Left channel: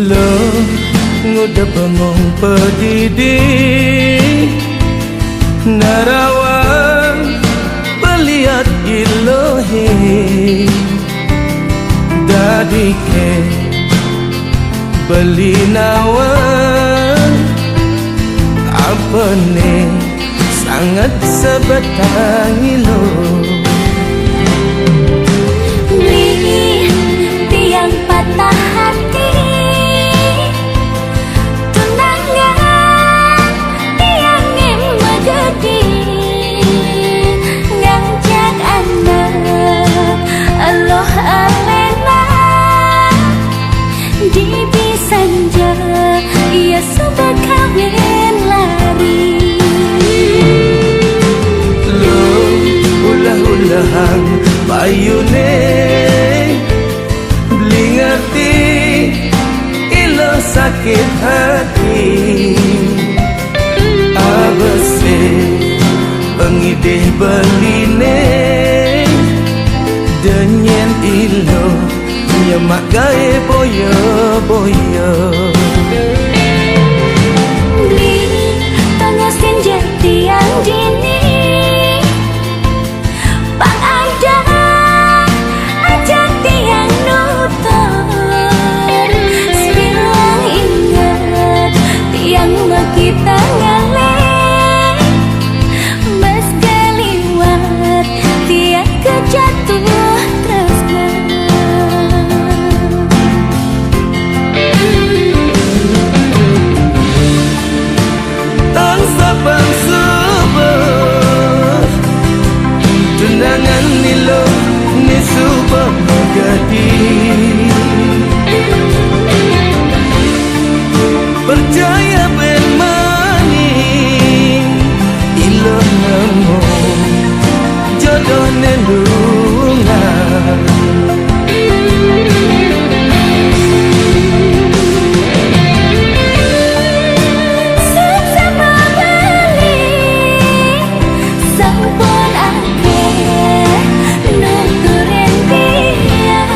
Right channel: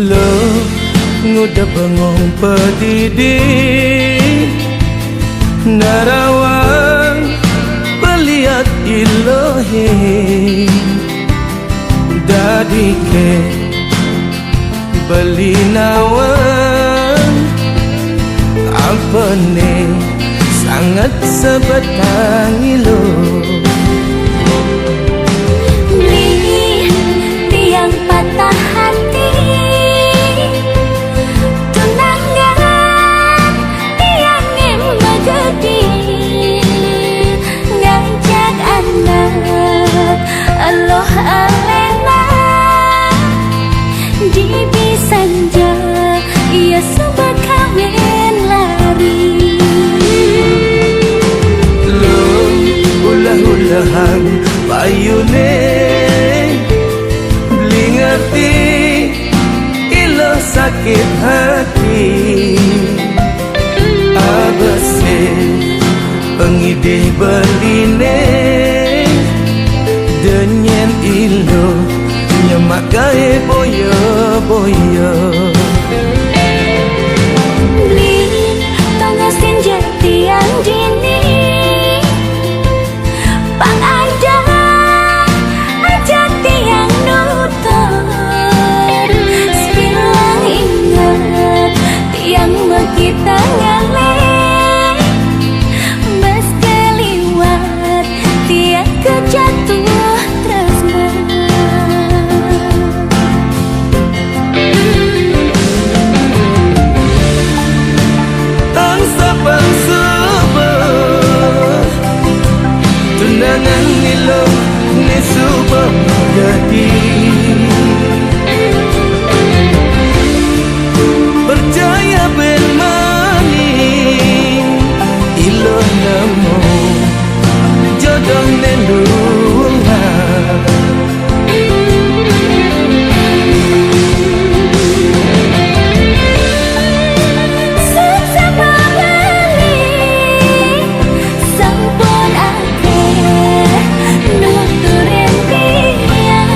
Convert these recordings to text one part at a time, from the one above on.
Lo nguda bengong pedidi narawang peliat ilohi dadike beli nawang apa ne sangat sebatang ilo beli tiang patah hati tunangan tiang em megedi ngajak anak Allah alena di bisanja ia sebab kawin lari lo ulah-ulahan payune beli ngerti ilo sakit hati abese pengidih beline denyen ilo nyemak gae boyo-boyo beli tongosin jati yang dini pang ada ajak tiang nutur sebilang ingat tiang kita ngalih mas galiwat tiang kejatuh tresna Sapang subuh tunangan nilo ni subah magadi percaya ben mani ilo nemu jodoh nelungan sampun akeh nuturin tiang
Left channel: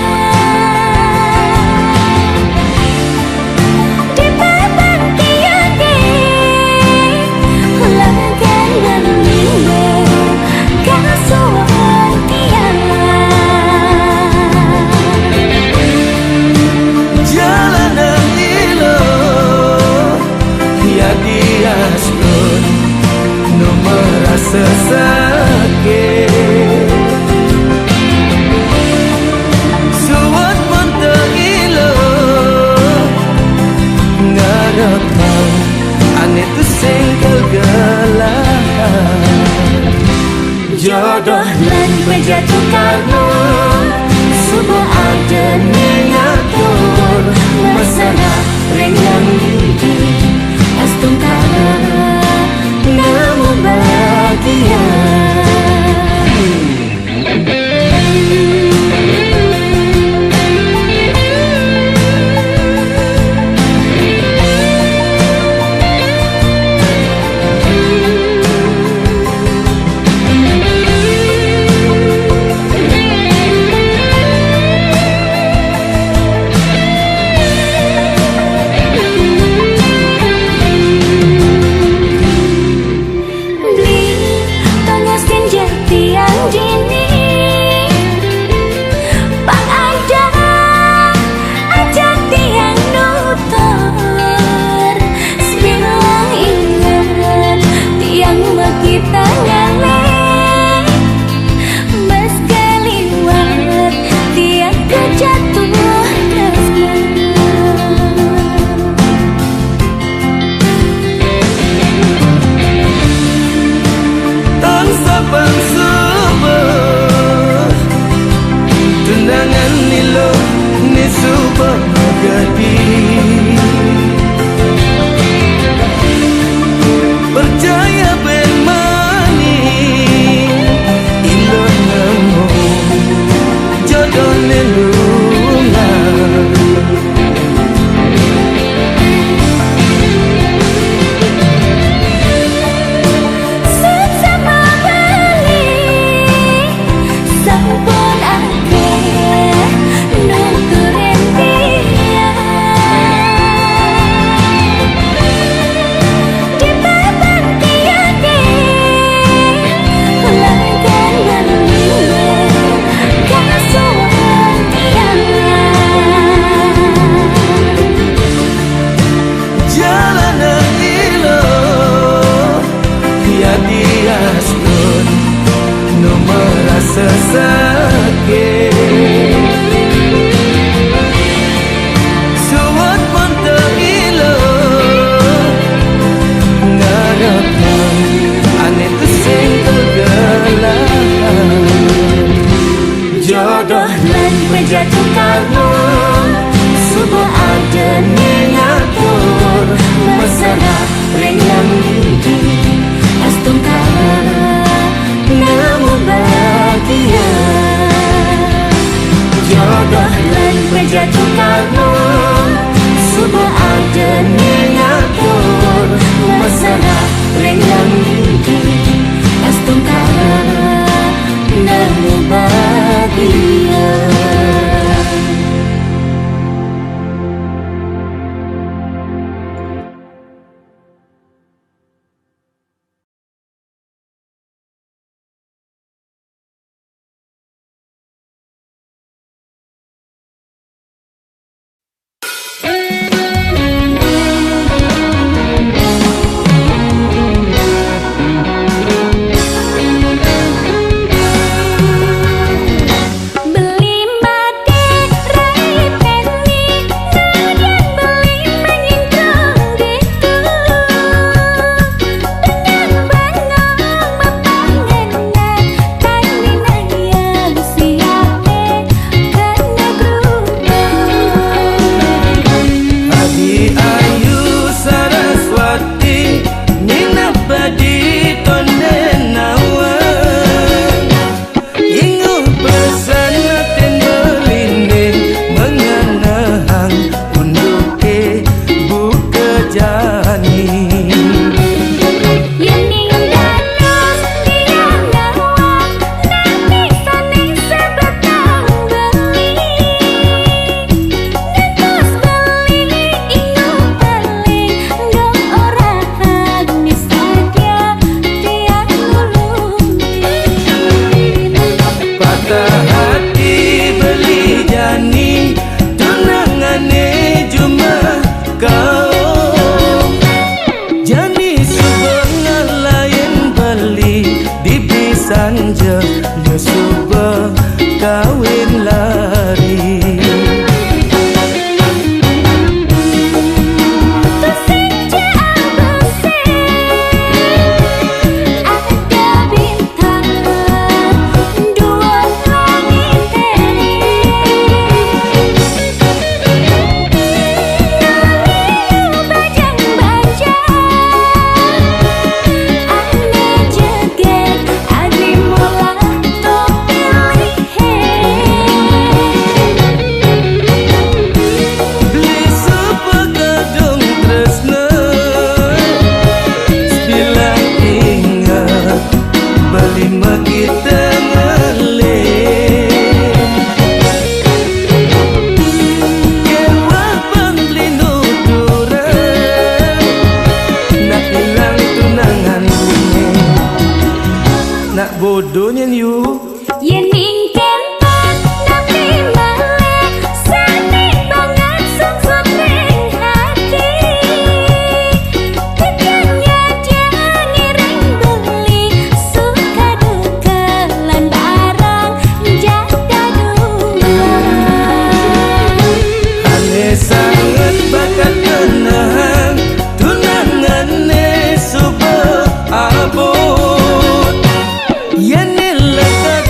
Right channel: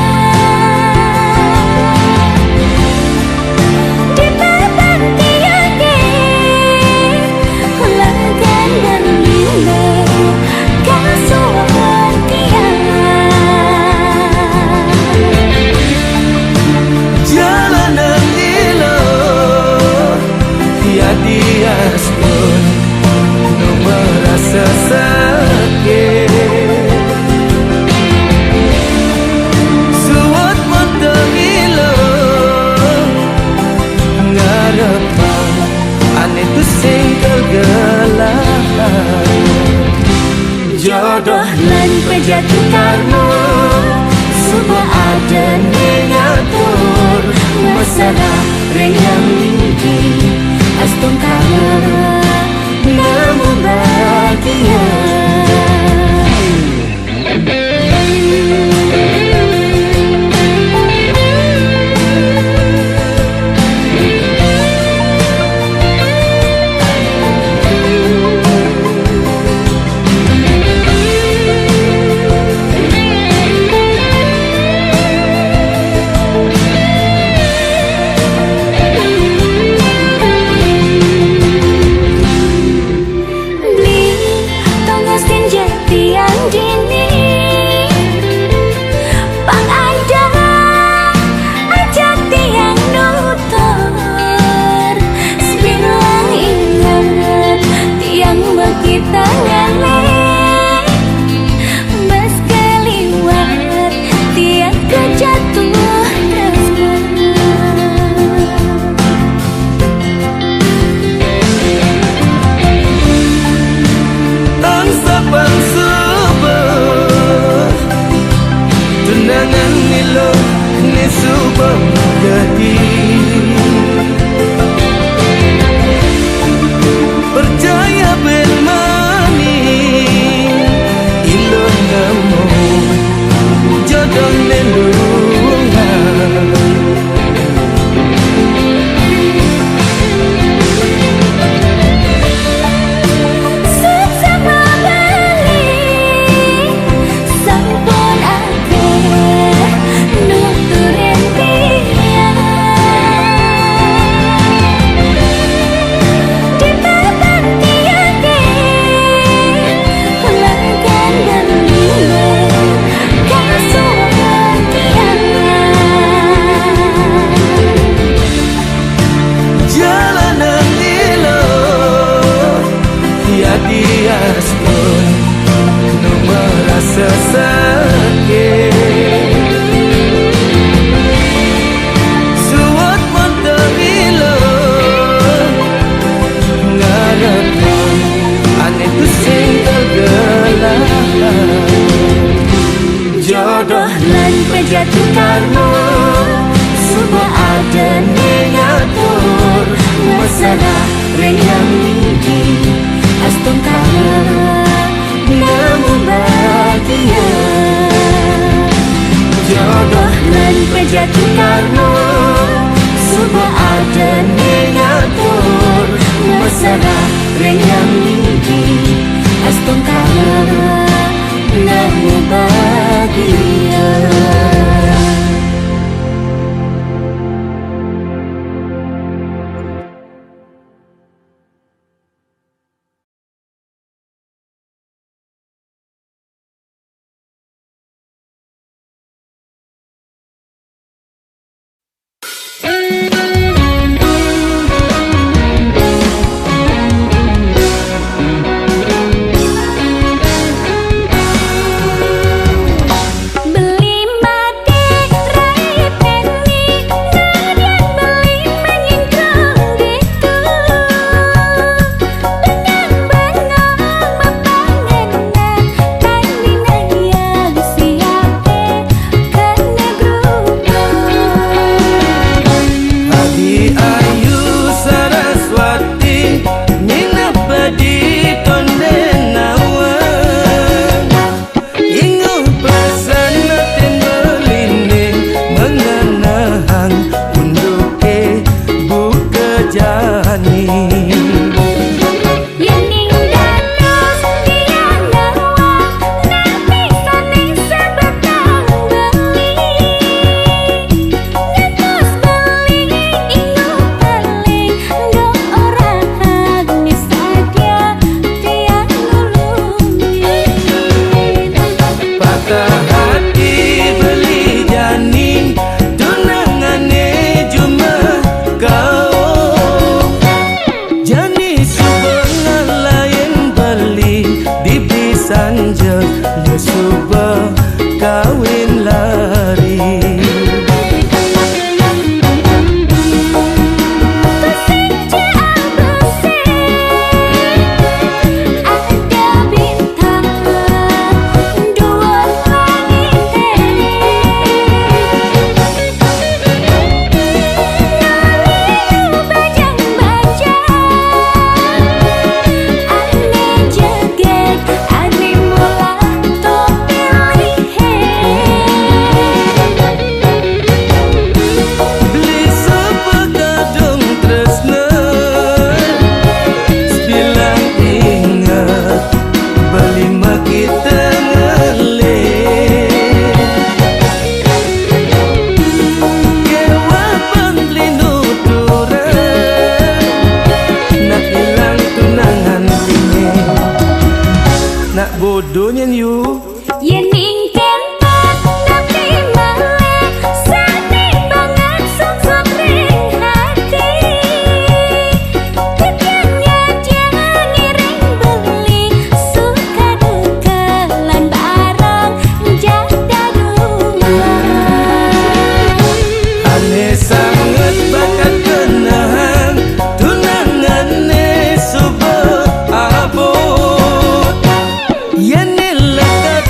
di papan tiang lagan berline kasuan tiang jalanan ilo ya diastun no merasa sakit suat mata ilo ngarepang ane tu singkel gelahan jodoh lan pejatuh karma subuh ada ngatur masalah reng yang lidi astung kala namu bahagia dini pang ada ajak tiang nutur sebilang ingat tiang kita ngalih mas galiwat tiang kejatuh tresna tang sapang tunangan nilo ni subah magadi percaya ben mani ilo nemu jodoh nelungan sampun akeh nuturin tiang Jadi astun nu merasa sakit suat monte ilo ngarepan ane tu sing kegelahan Jodoh lan penjatuh karma Suba ada ngatur Masalah ring yang lidi Astung kala Namu bahagia Jodoh lan penjatuh karma Suba ada ngatur Masalah ring yang lidi Astung kala Namu bahagia Sanja ya suba kawin lari bodohnya you Yen ingken pan tapi malah sani banget sungsut ring hati Kekiannya dia ngiring beli suka duka lan barang jaga dua Ane sangat bakat kenang tunangane subuh abot Yane lekat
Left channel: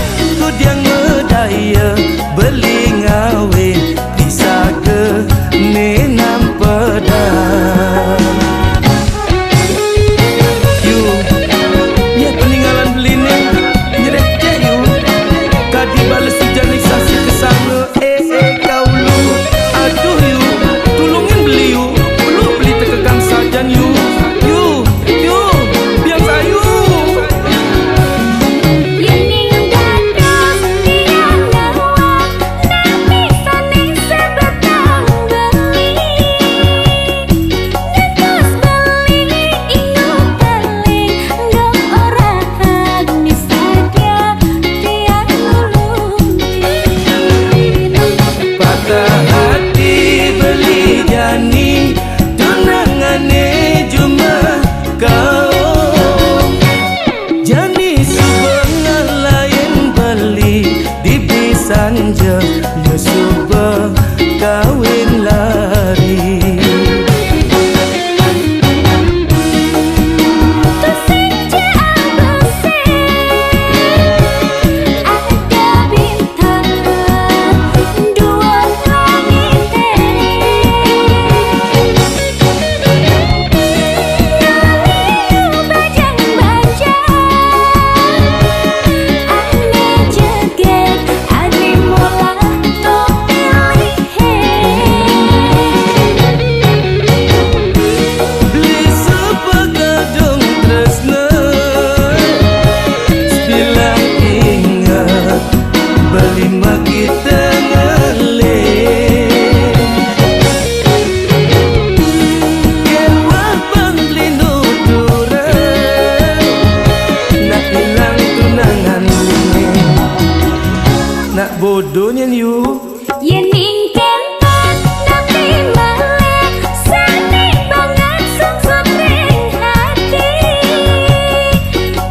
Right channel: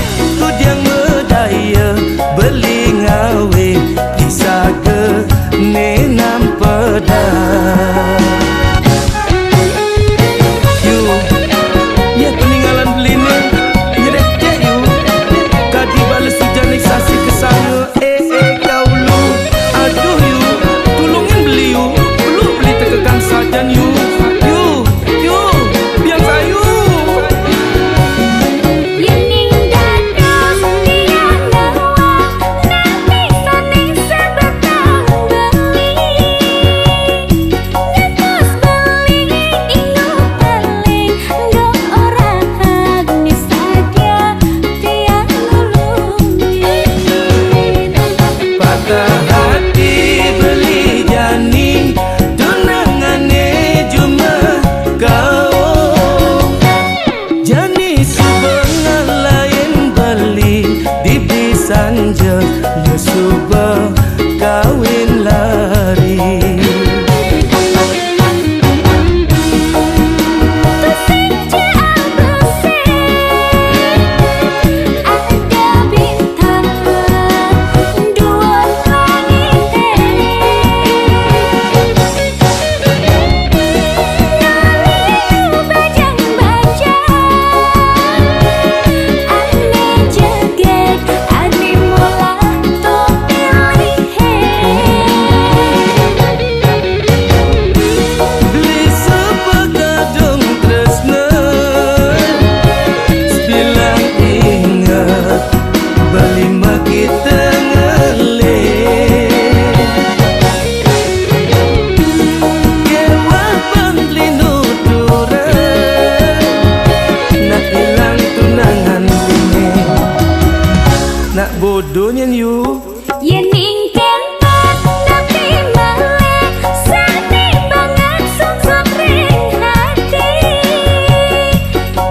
bodoh nian you. Yen ning kenton napi male seni banget sungsut ring hati.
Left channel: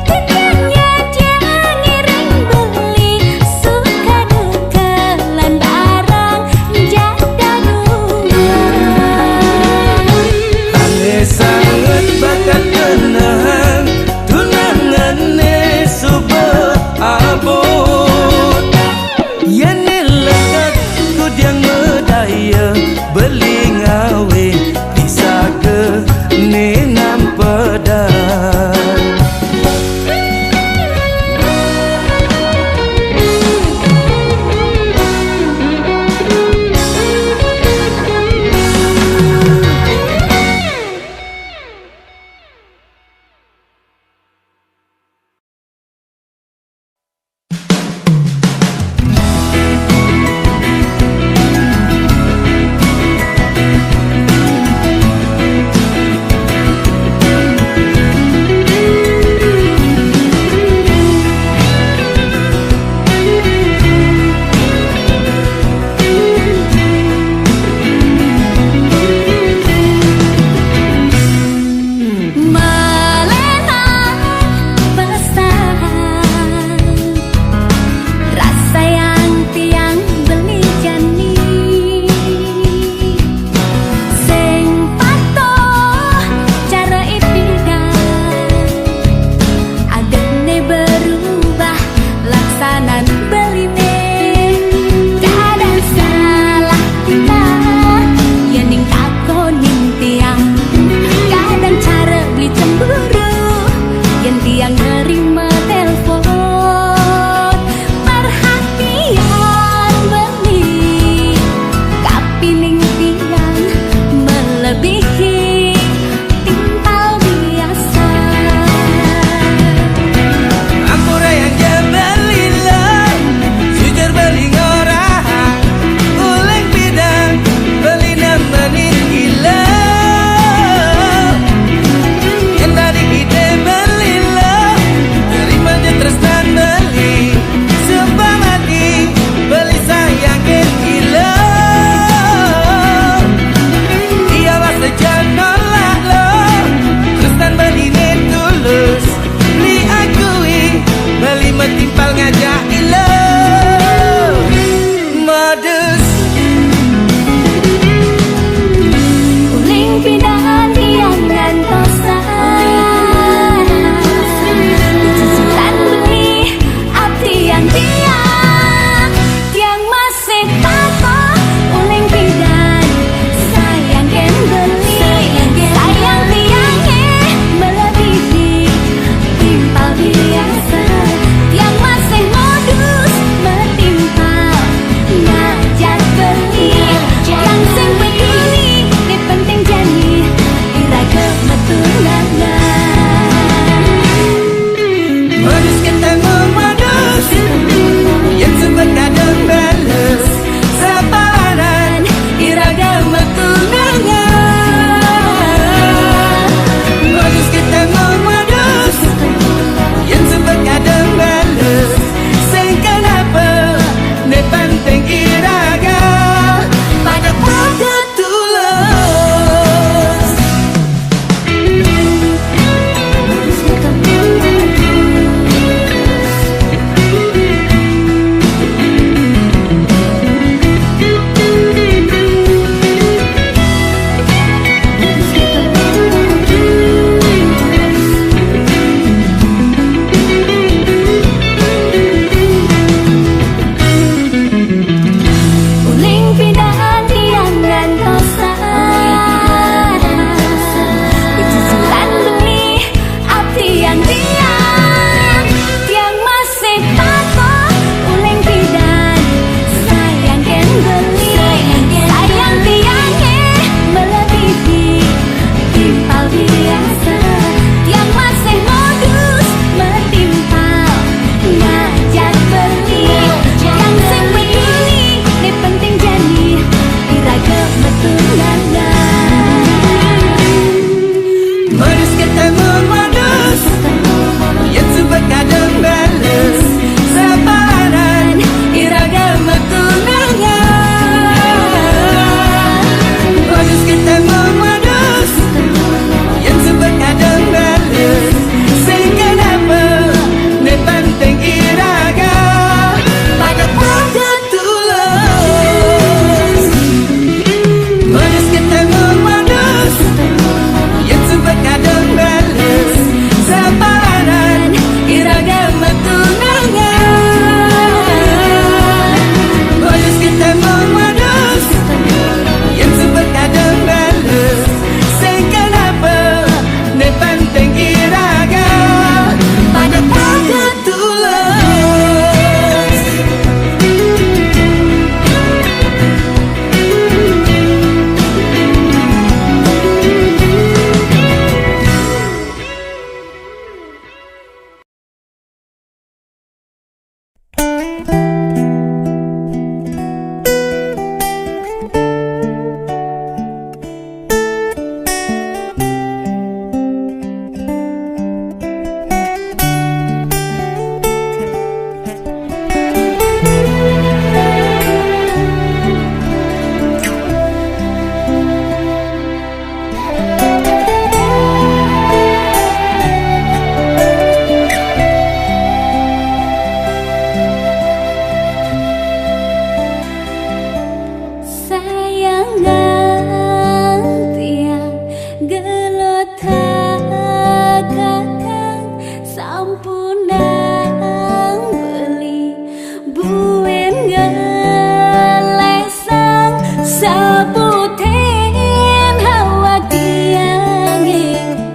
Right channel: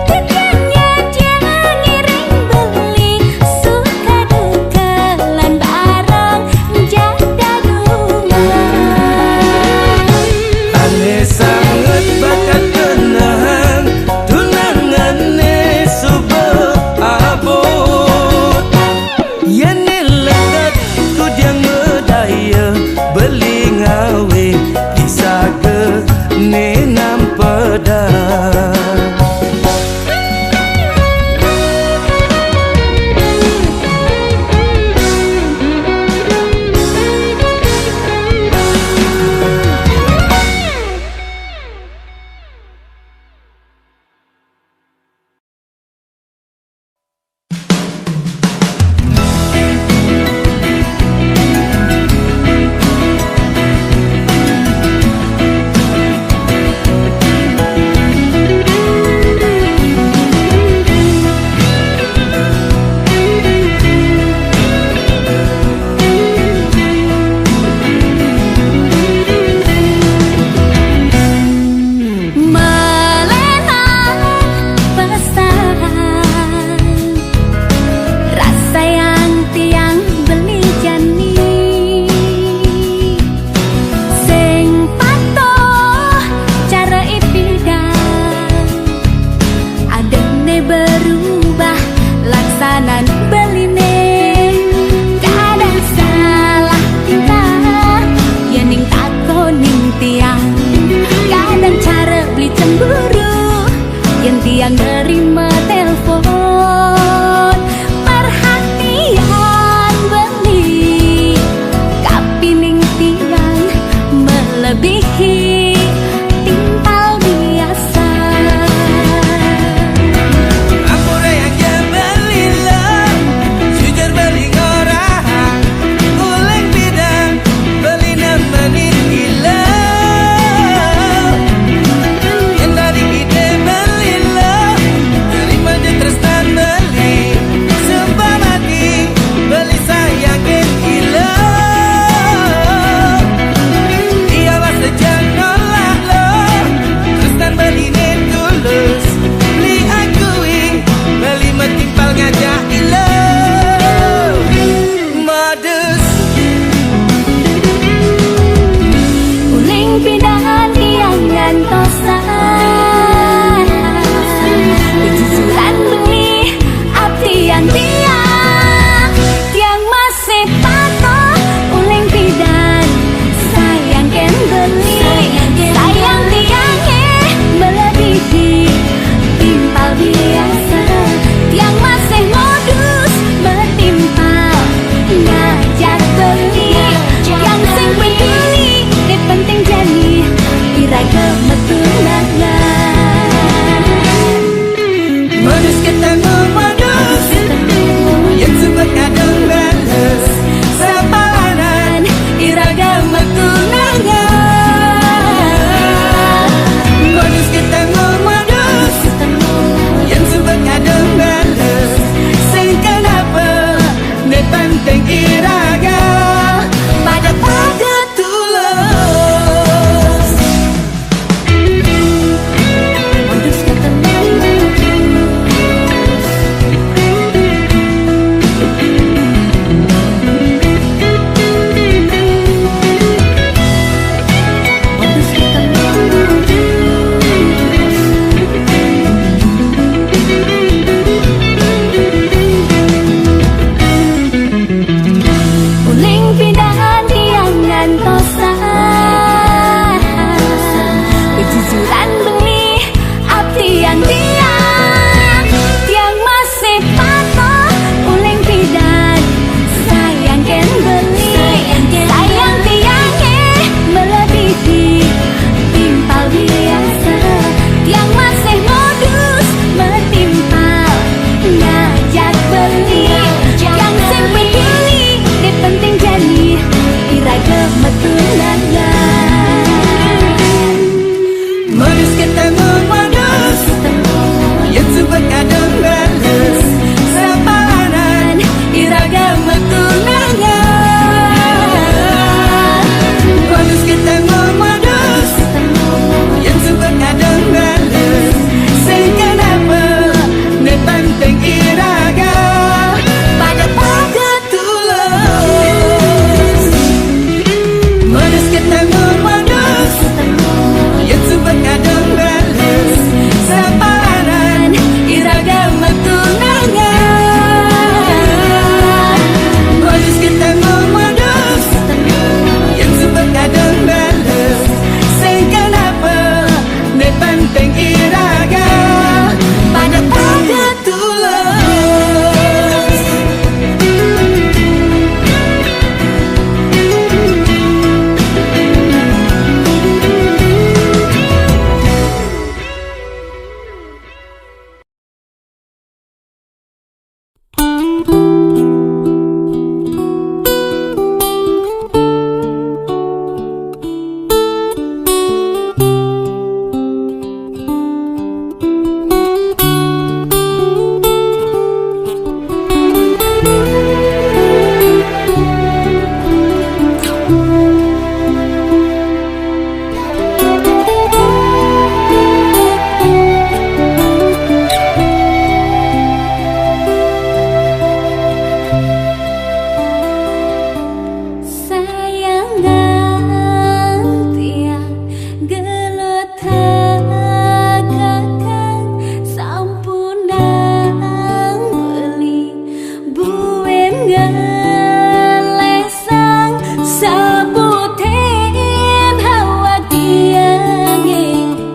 Titiannya dia ngiring beli suka duka lan barang jaga dua. Ane sangat bakat tenang tunangane subah abot. Yen lekat kudiang medaya beli ngawe bisa ke nenam pedang. Laksanan beline kadang salah tingkah yen ning takoning tiang kadang cara beli cemburu yen tiang nerima telepon perhatian beli kapining tiang melebihi timpal biasa. Ampura yang jebelilah jujur beli ngorang uleng bidang beli nemenin gila. Yang dari ide belilah terima je tresnan beli sumpah mati beli sayangin gila. Ialah sejana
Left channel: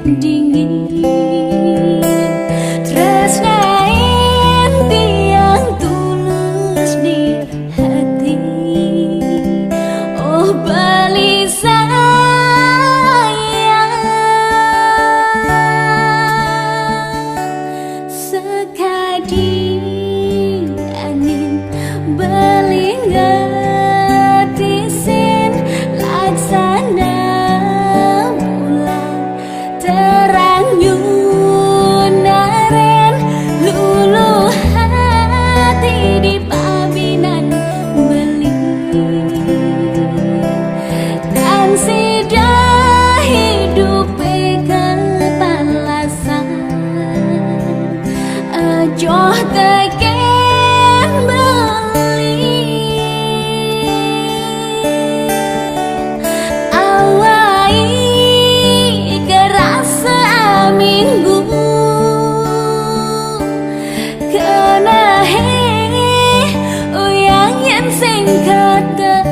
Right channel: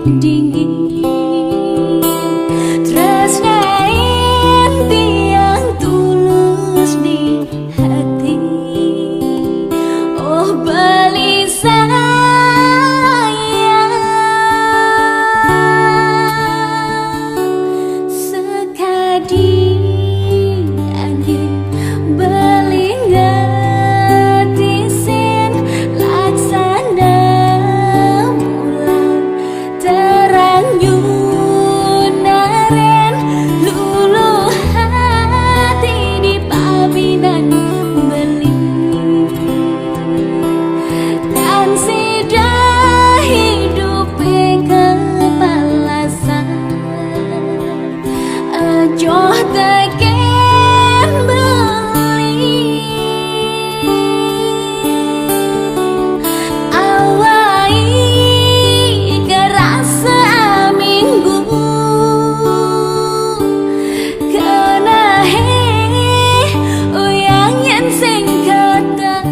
dingin tresnain tiang tulus di hati. Oh beli sayang sekadi angin beli ngetisin laksana bulan terang nyunaren lulu hati di pabinan beli kan sudah hidup kepalasan ajoh teken beli awai kerasa minggu kena uyang yang sing ketemu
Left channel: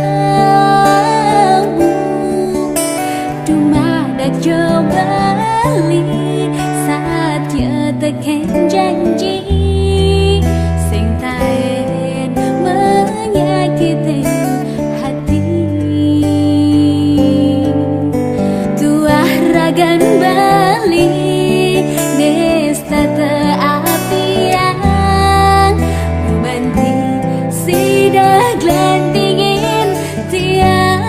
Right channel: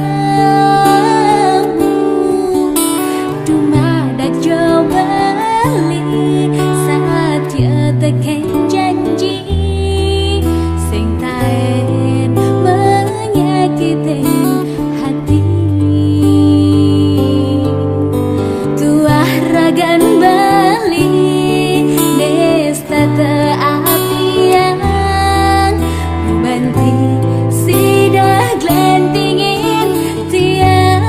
dumadak jo beli saat ya teken janji sing taen menyakitin hati. Tuah ragan bali nesta teapiang gumanti sidah glantingin tiang.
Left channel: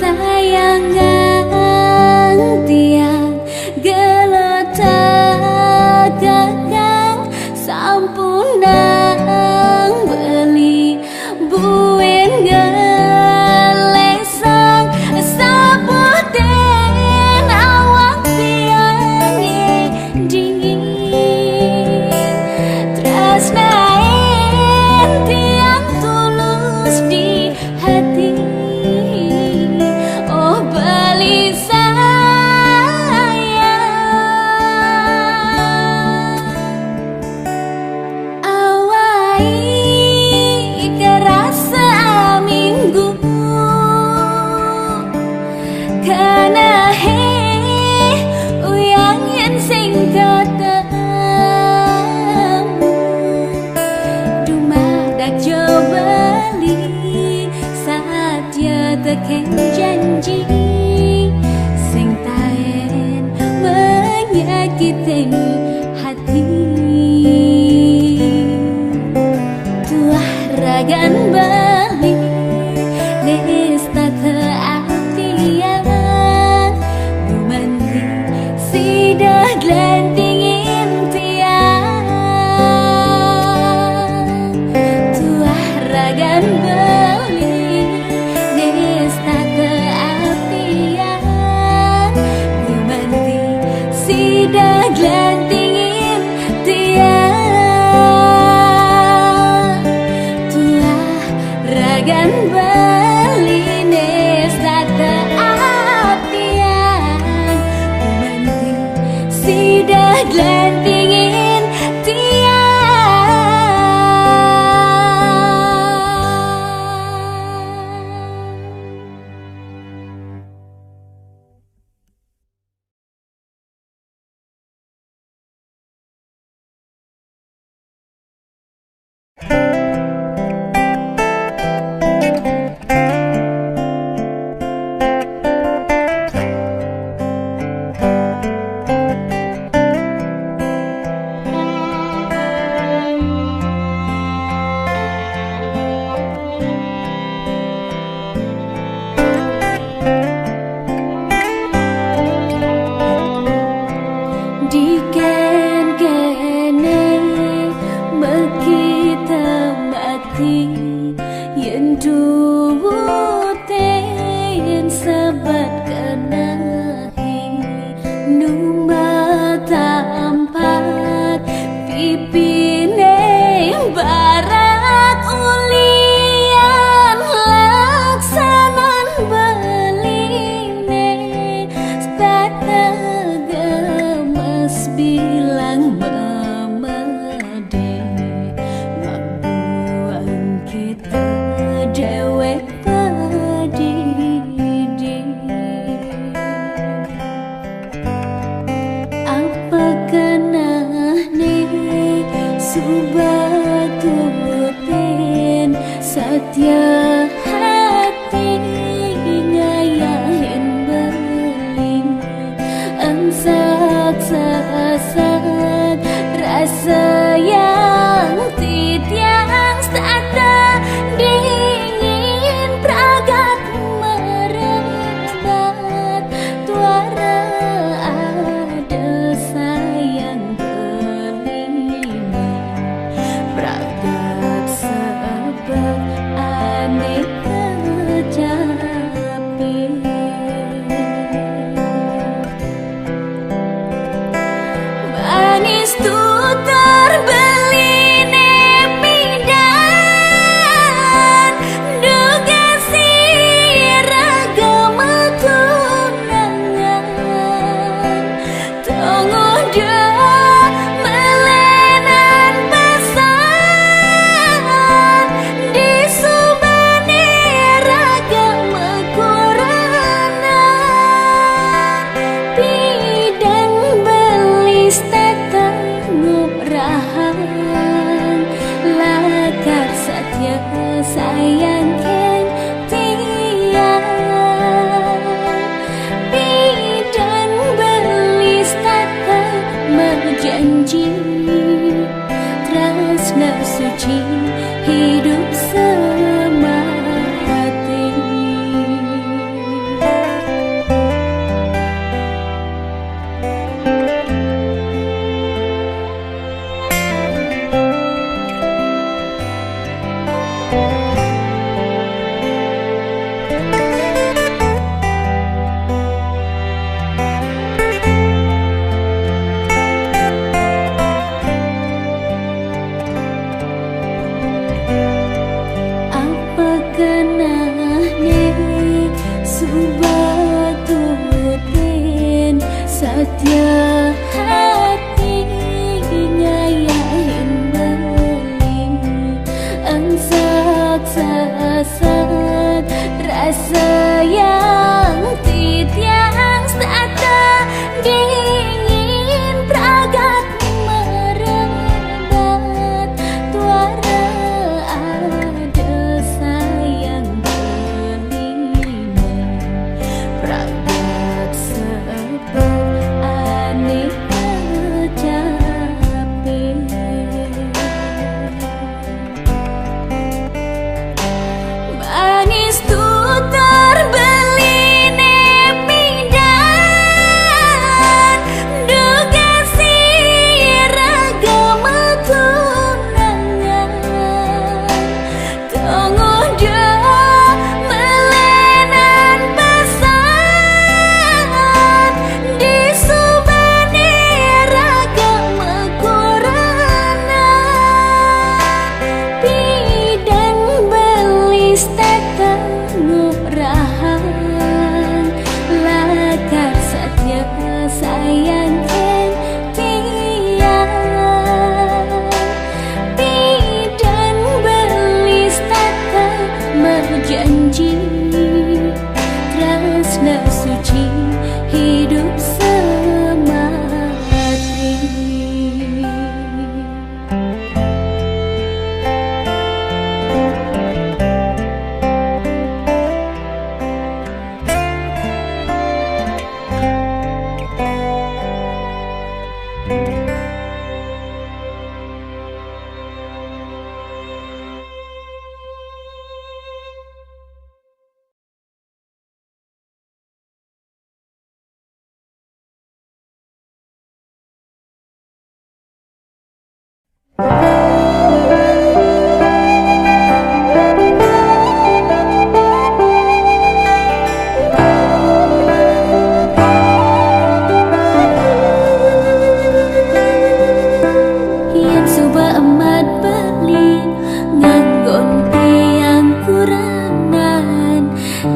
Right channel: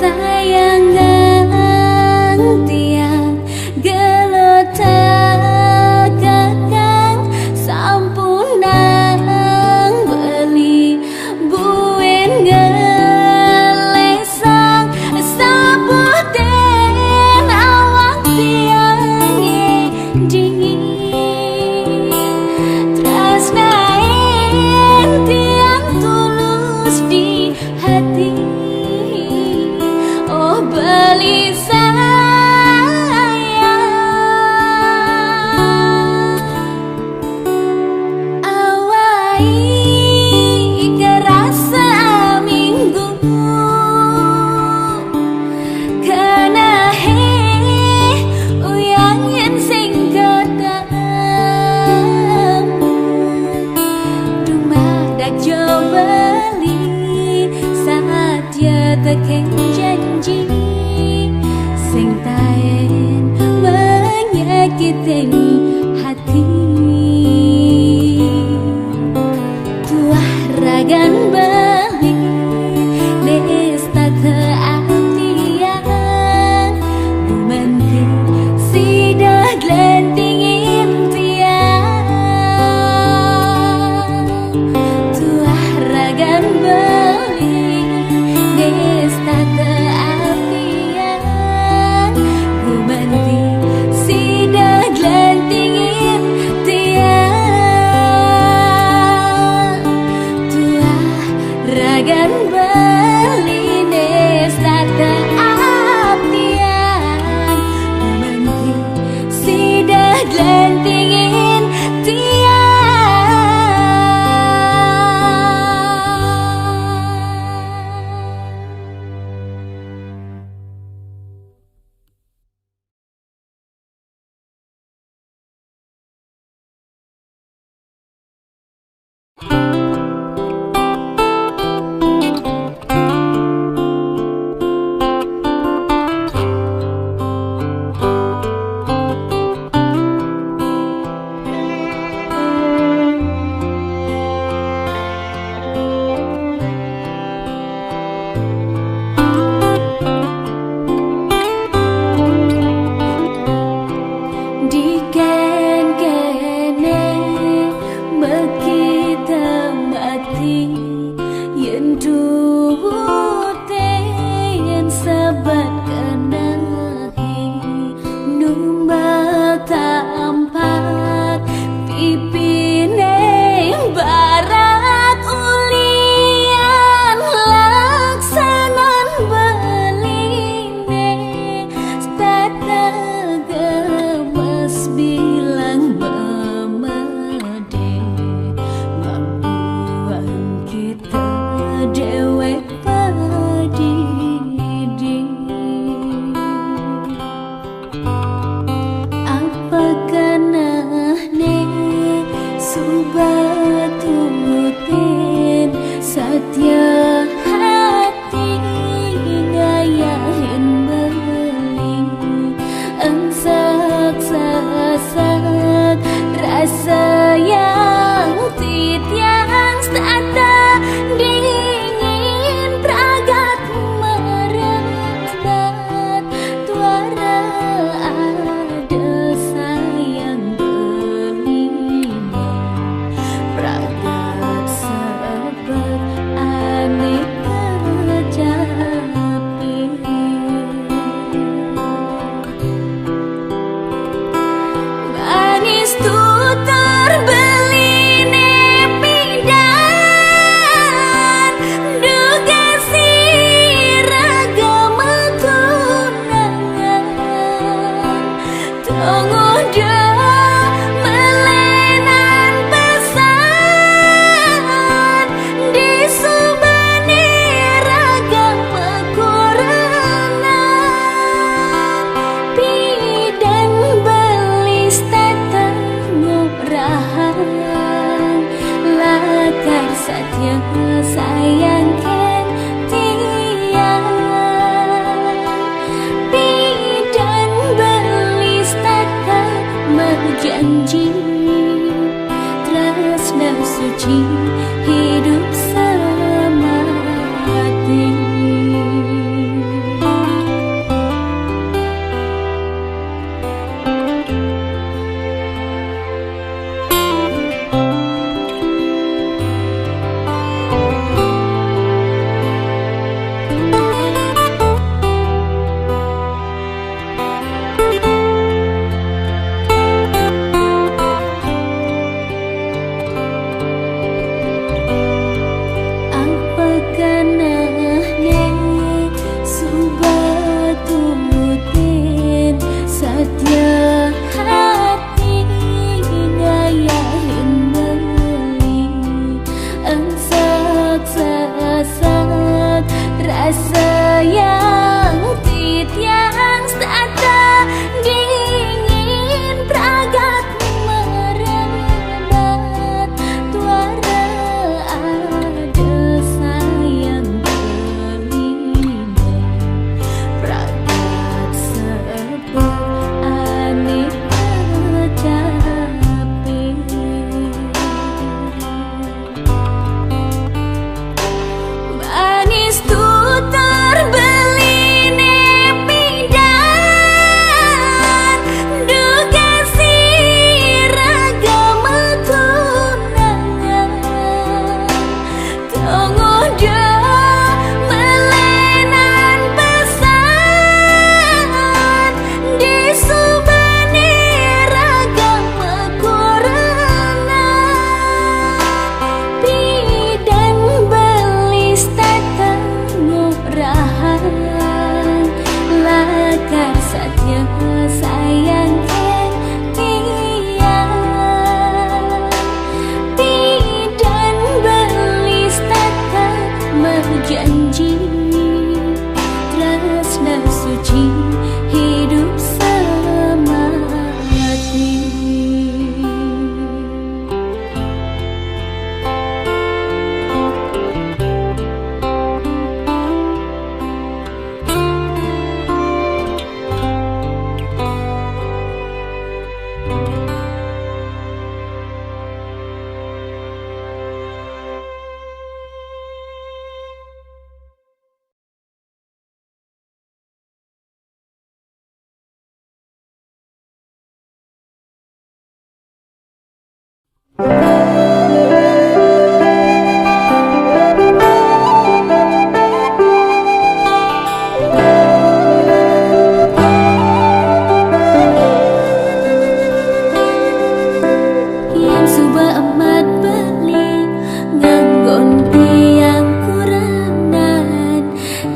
Sayangan tiang gelotak kakang sampunang beli buen ngelesang sabuten awak tiangnya dingin tresnain tiang tulus di hati. Oh beli sayang awai kerasa minggu kena uyang yang sing ketemu dumadak jo beli saat ya teken janji sing taen menyakitin hati. Tuah ragan beli nesta teapiang gumanti sidah glantingin tiang. Tuah ragan beli nesta teapiang gumanti sidah glantingin tiang. Tuah ragan beli nesta teapiang gumanti sidah glantingin tiang. Diken kene mekita mati yen tuwute yen sabat kenahi numata ampat pipine barak ulian dewek padidi. Apakah ne subatutin satya hati ngayahin beli engsak sasak rasa yang titiang stata dingin pragat merebat tuara ada sayang belina pragat sebab aneh kecapi manis tuh terbeli nepidan duga si ragama tunangan tunggu dah melenan pesan di subani ragama koranan pidan belis tata ngurahang lakar satya sayang ken tiang pidan belis tata berjanji tresna suci hidup semati. Apakah ne subatutin satya hati ngayahin beli engsak sasak rasa yang titiang stata dingin pragat merebat tuara ada sayang belina pragat sebab aneh kecapi manis tuh terbeli nepidan duga si ragama tunangan tunggu dah melenan pesan di subani ragama koranan pidan belis tata ngurahang lakar satya sayang ken tiang pidan belis tata berjanji tresna suci hidup semati.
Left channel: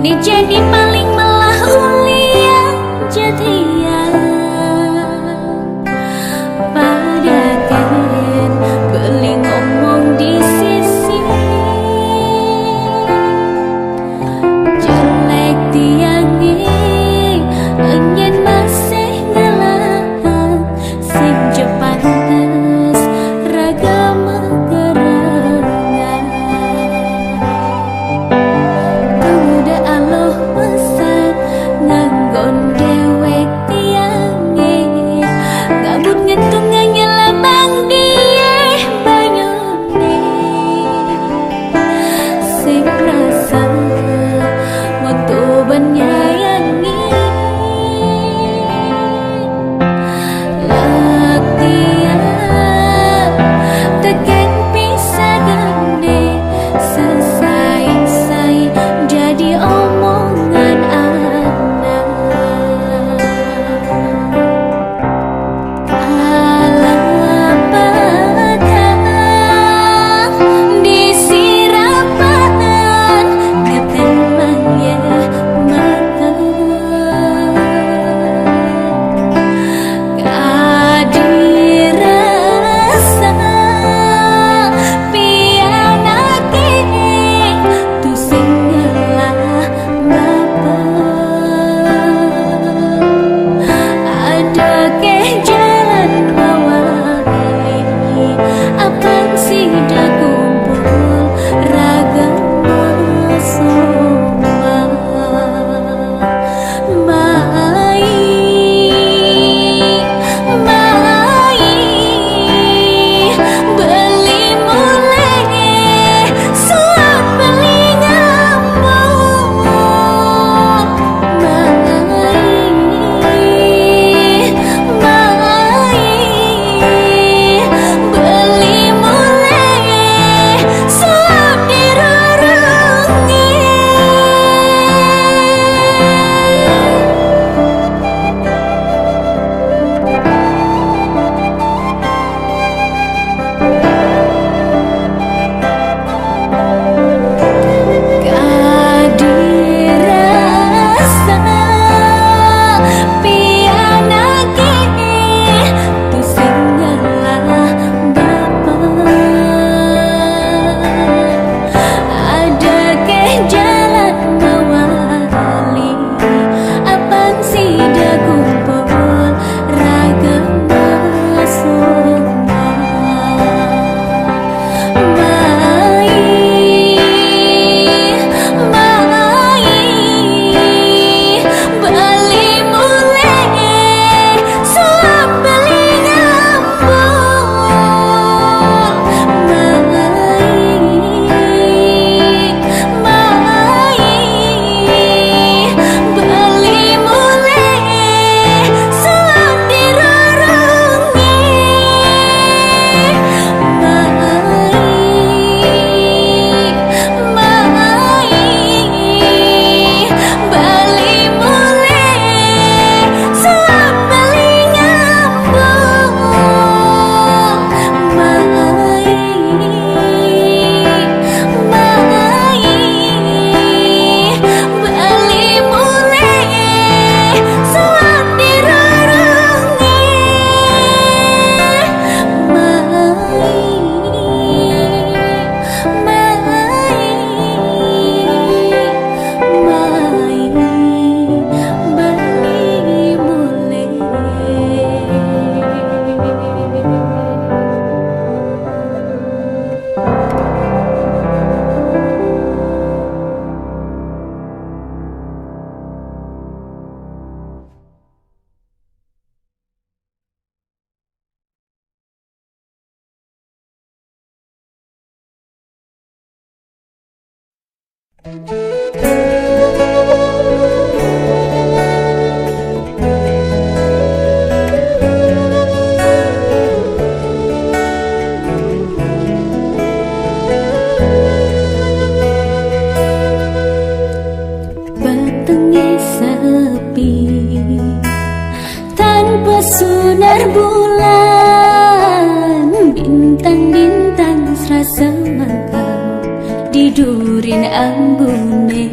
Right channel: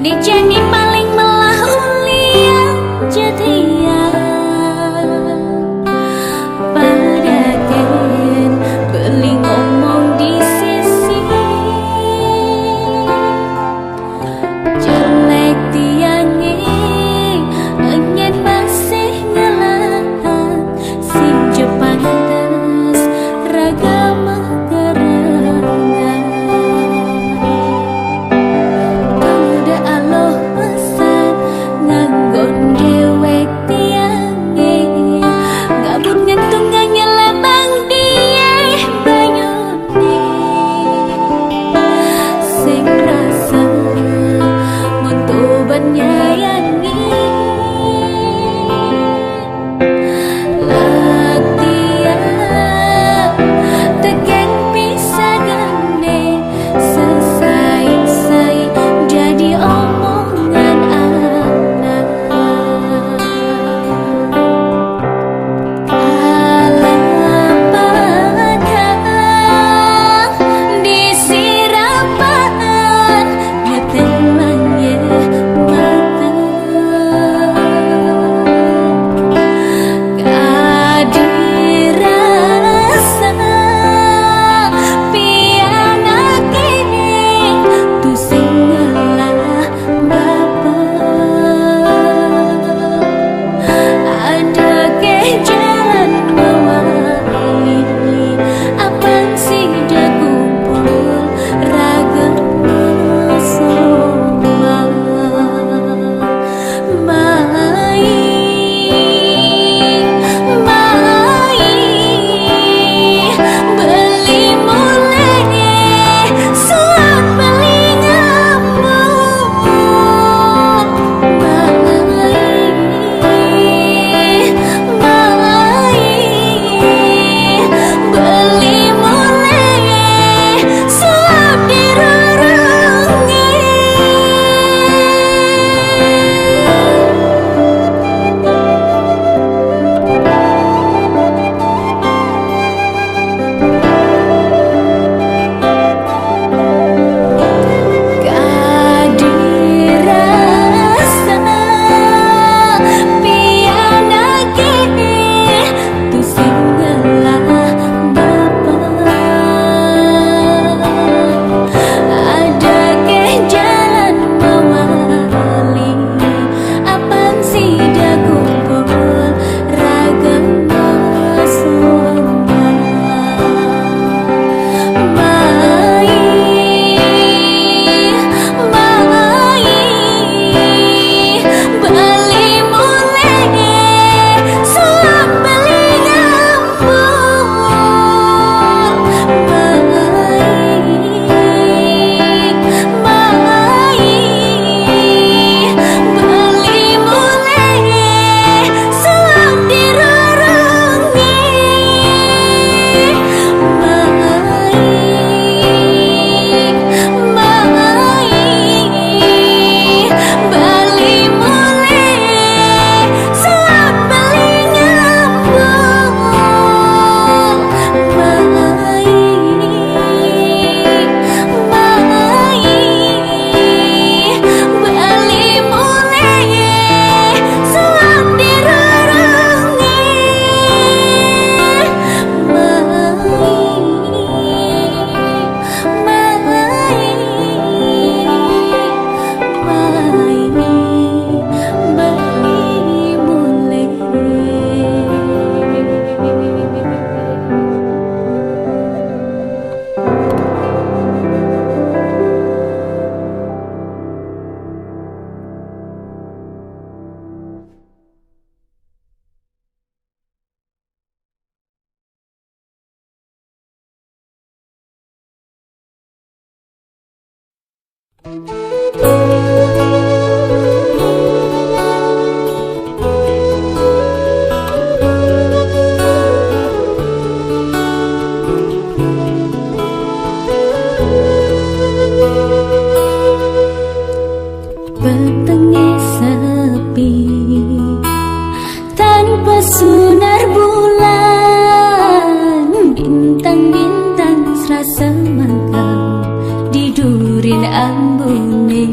Dijani paling melah ulian jatian pada ken beli ngomong di sisi sing rasa Monto banyayangi Latia Teken pisah gane Sesai-sai jadi omongan anak Alapatah disirapan ngetelang ye mata kadirasa pianake tu singalah bapa ada ke jalan mewali apa sida kumpul ragama soma mai beli mulai suap beli ngambung beli mulai suap dirurungi kadirasa pianake tu singalah bapa ada ke jalan mewali apang sida kumpul ragama soma beli mulai suap beli ngambung beli mulai suap dirurungi beli mulai suap beli ngambung beli mulai suap dirurungi beli mulai Petengnya sepi tanpa sinar bulan bintang-bintang serasa mangkau didurin ambune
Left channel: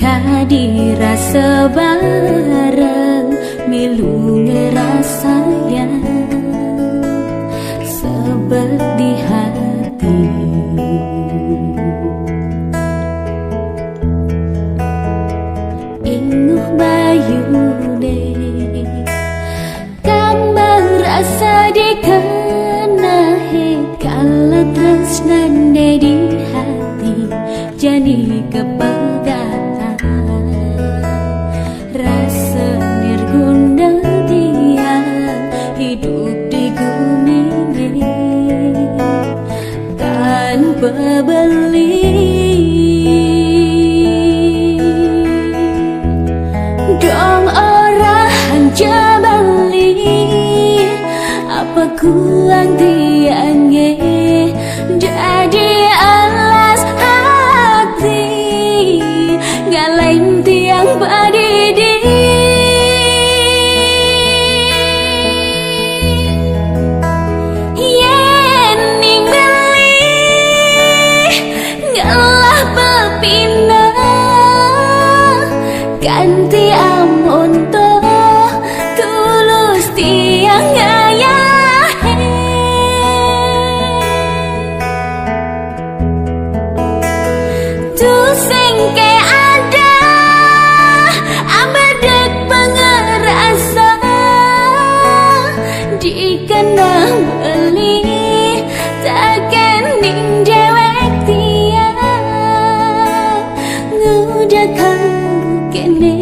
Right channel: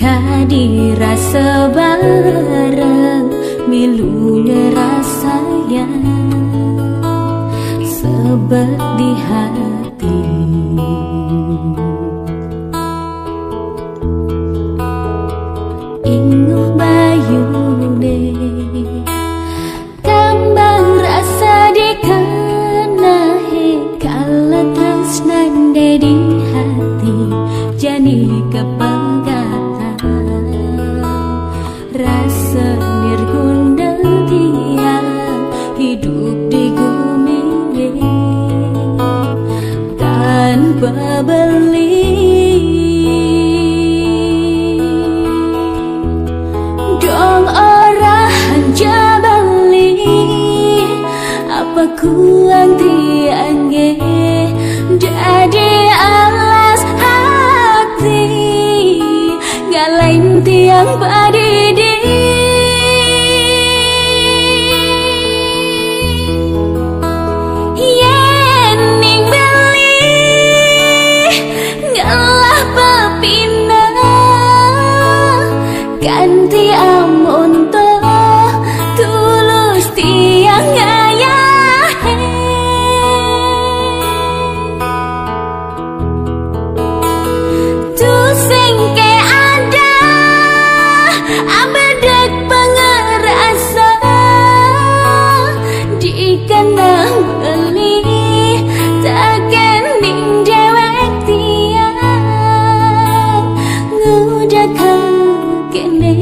kadirasa bareng milu ngerasayang sebab di hati inguh bayune kambang rasa dikenahi kala tresnane di hati jani kepegang rasa nirguna tiang hidup di bumi ini tan pebeli. Dong orang jabali apa kuang tiangge jadi alas hati gak lain tiang padidi. Yening beli ngalah pepina ganti amun to tulus tiang ayahe. Tu sengke ada abedek pengerasa dikena beli takkan ning dewek tiang ngudakan kene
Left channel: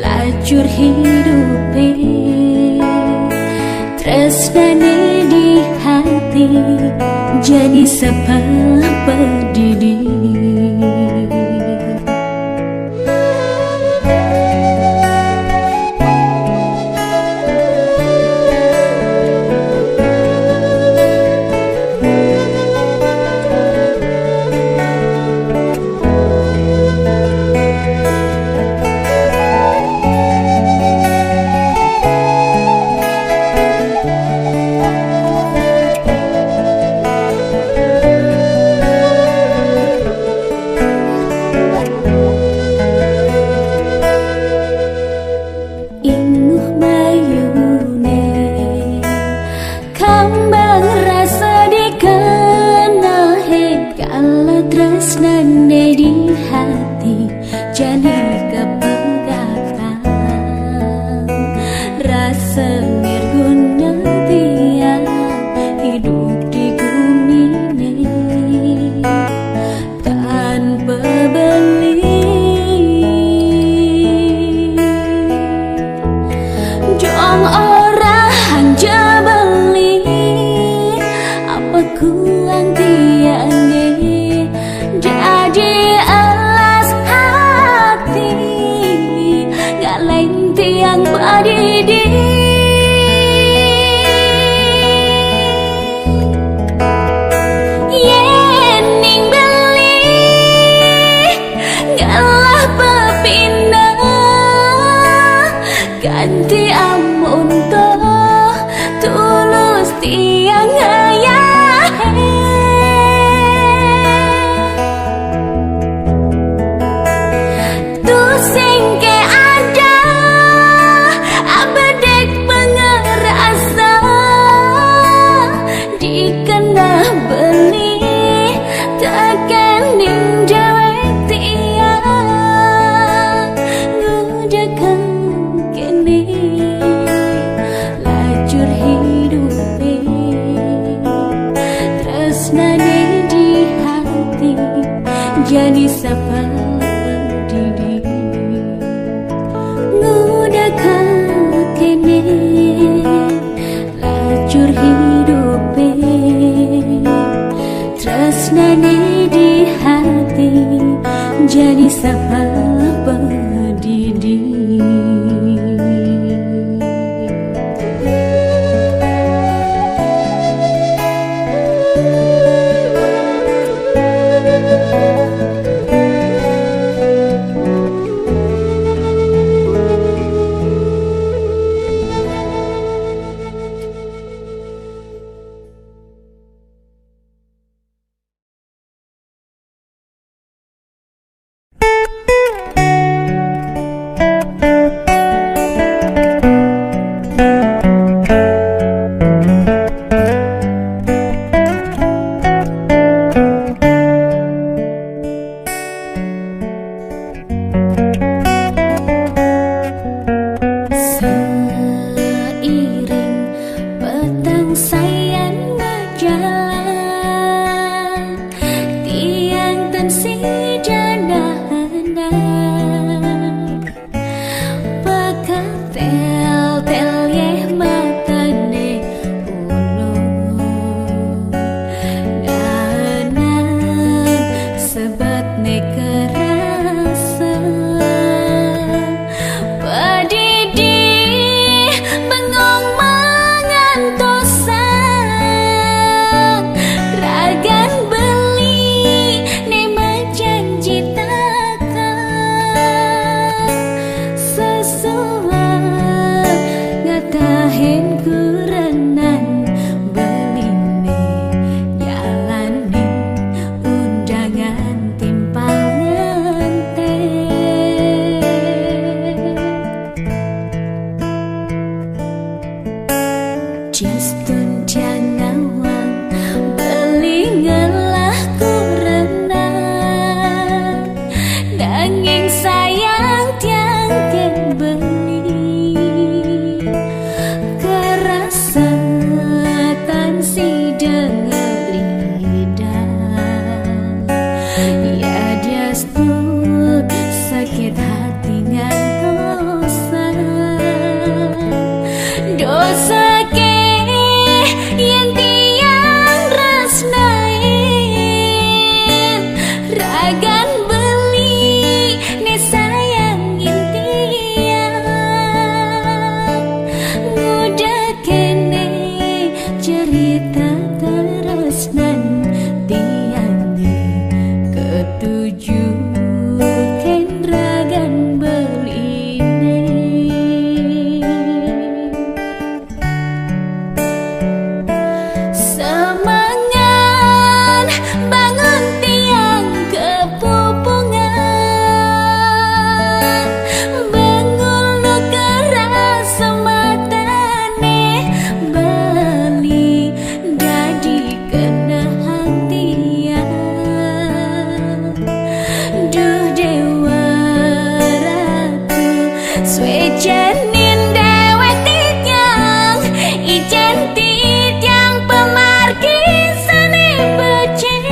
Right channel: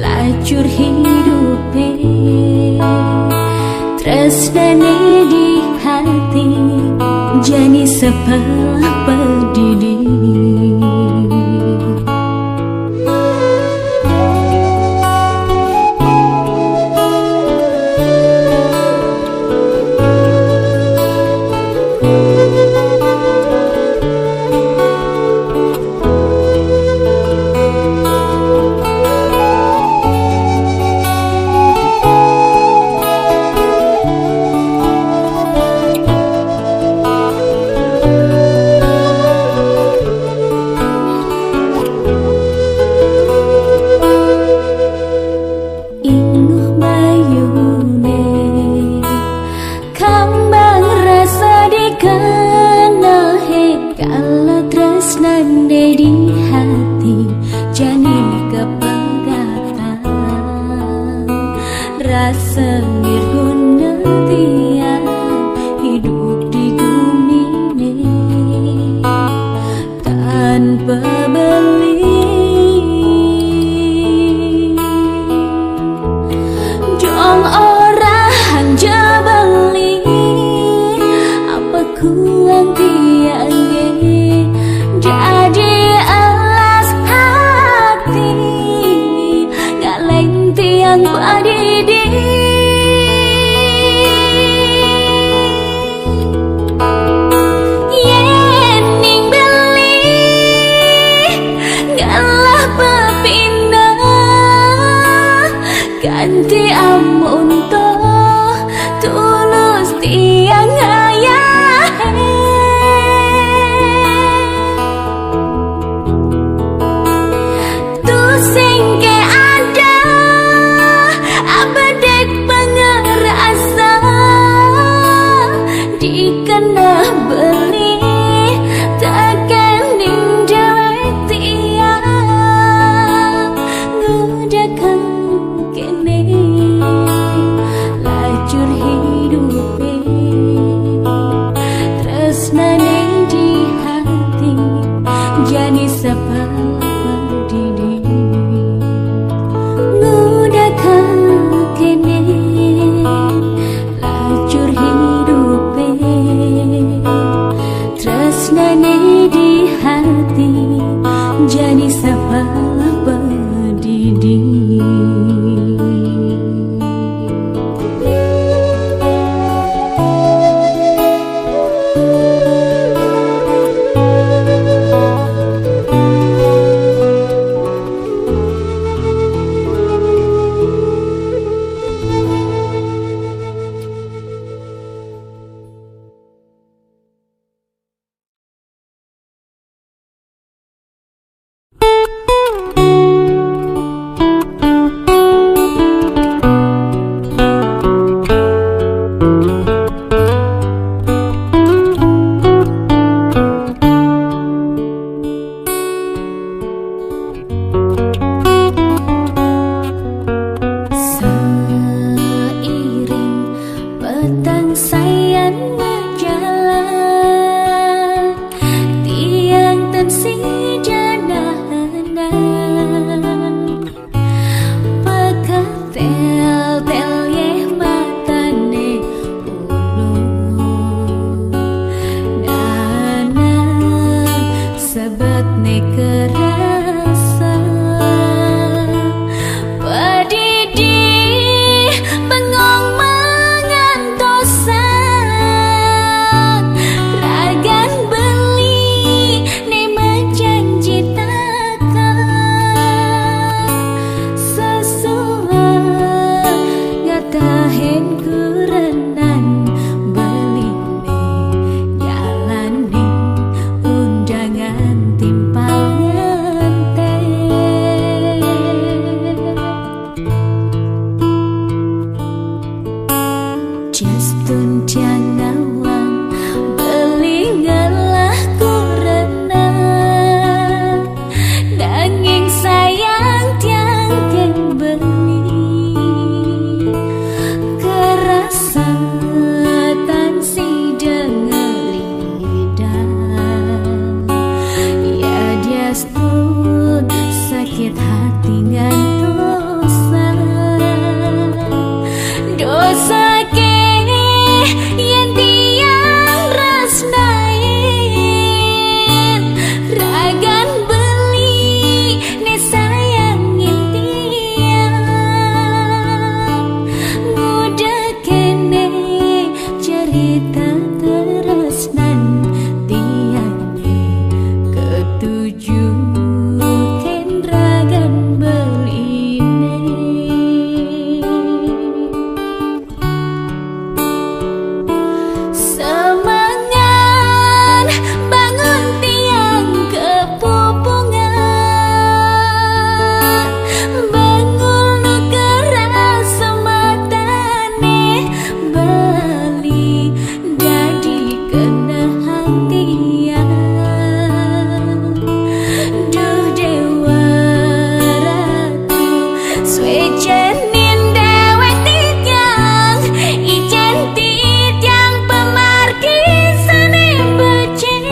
lajur hidupe tresnane di hati jadi sepala pedidi. Tresnane di hati jani kepegatan rasa nirguna tiang hidup di bumi ini tanpa beli. Dong orang jabali apa kuang tiangge jadi alas hati gak lain tiang padidi. Yening beli ngalah pepina ganti amun to tulus tiang ayahe. Sengke ada abedek pengerasa dikena beli takkan ning dewek tiang ngudakan kene lajur hidupe tresnane di hati jadi sepala pedidi. Kene lajur hidupe tresnane di hati jadi sepala pedidi. ne kerasa padidi bengong mengantosan ragan beli ne menjanji takkan sesuai ngatahin kurenan beline jalani undangan timpal ngente Justun tiang nawang beli ngelah kurenang nanging sayang tiang ken beli kerasa tansi dengelidang ya dia stun sakit hati ngantosan dosa ke yang tiang resnain ragan beli ne sayangin tiang ngudah kene cerita teresnan tiangnya ketujuh ken ragan beli semangan bangun tiang kepupungan bangun nu keras sematane beli dadi kenahan tiang duh dewa ratu swejanin dewek titiang ijen titiang pemarkisane becek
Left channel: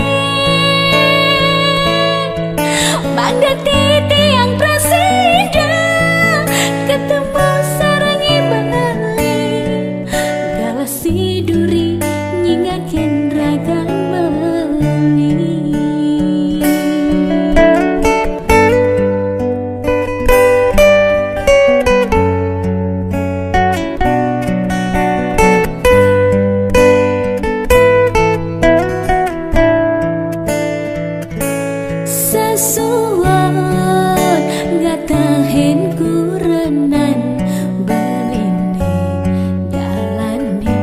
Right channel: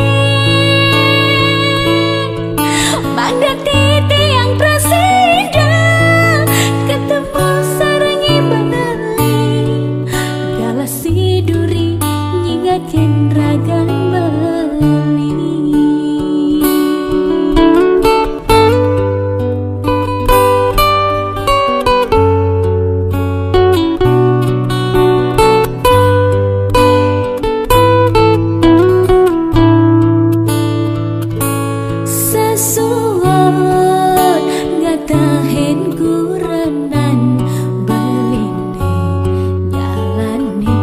bangda titiang presiden ketemu sarangi bali galasi duri nyingaken ragan bali sesuat ngatahin kurenan beline jalani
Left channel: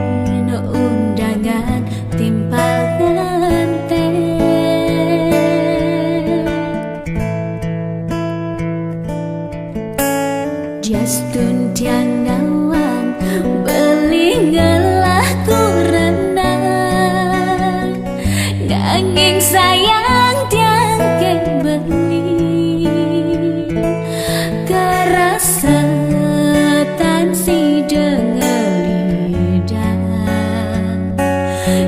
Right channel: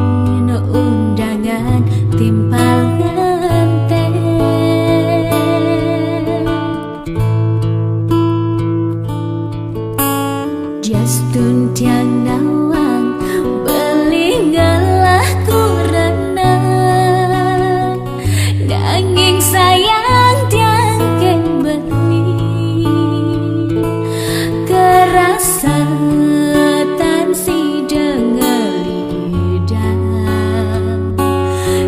no undangan timpal ngante Justun tiang nawang beli ngelah kurenan nanging sayang tiang ken beli kerasa tansi dengelidang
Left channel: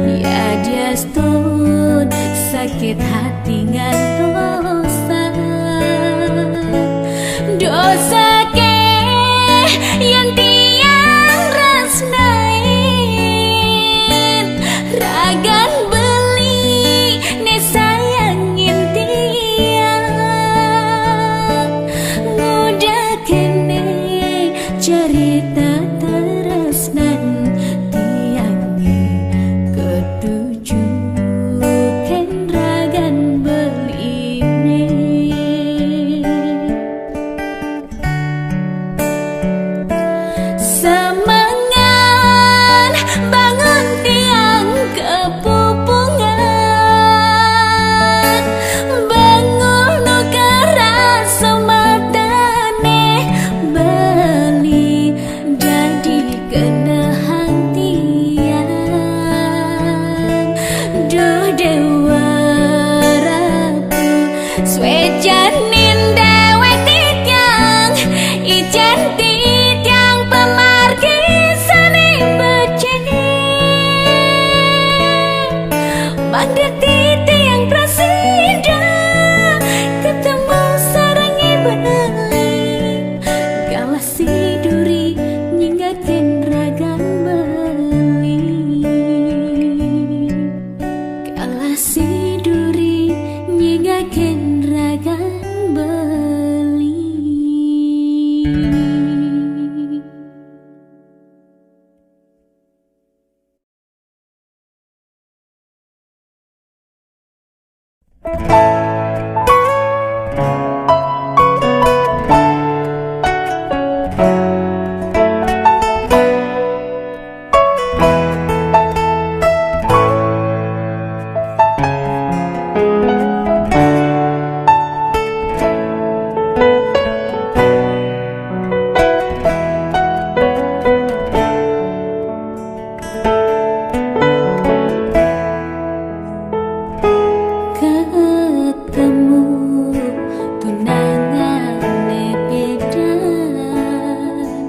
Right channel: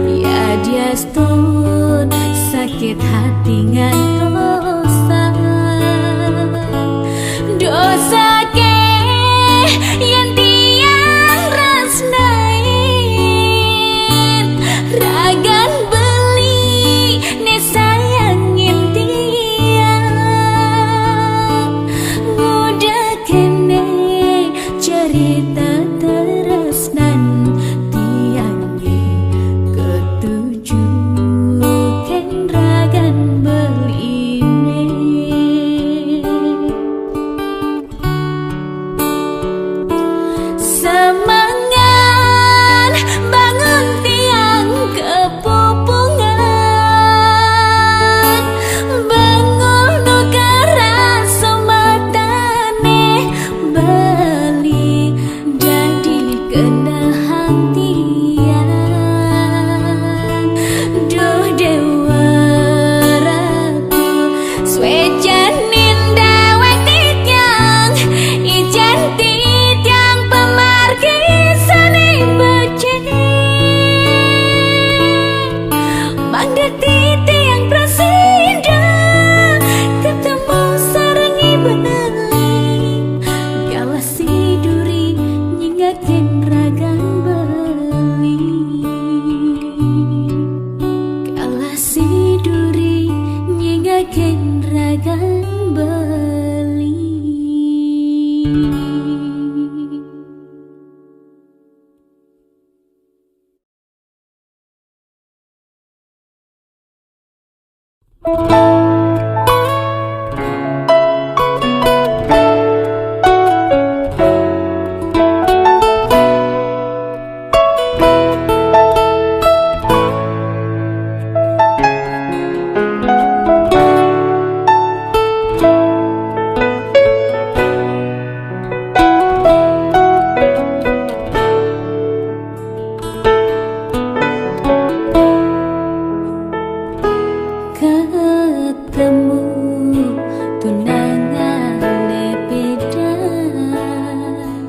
ya dia stun sakit hati ngantosan dosa ke yang tiang resnain ragan beli ne sayangin tiang ngudah kene cerita teresnan tiangnya ketujuh ken ragan beli semangan bangun tiang kepupungan bangun nu keras sematane beli jadi kenahan tiang duh dewa ratu swejanin dewek titiang ijen titiang pemarkisane becek bangda titiang presiden ketemu sarangi beli galasi duri nyingaken ragan beli galasi duri nyingaken ragen ragan beli. Ketemu tunangane bidan,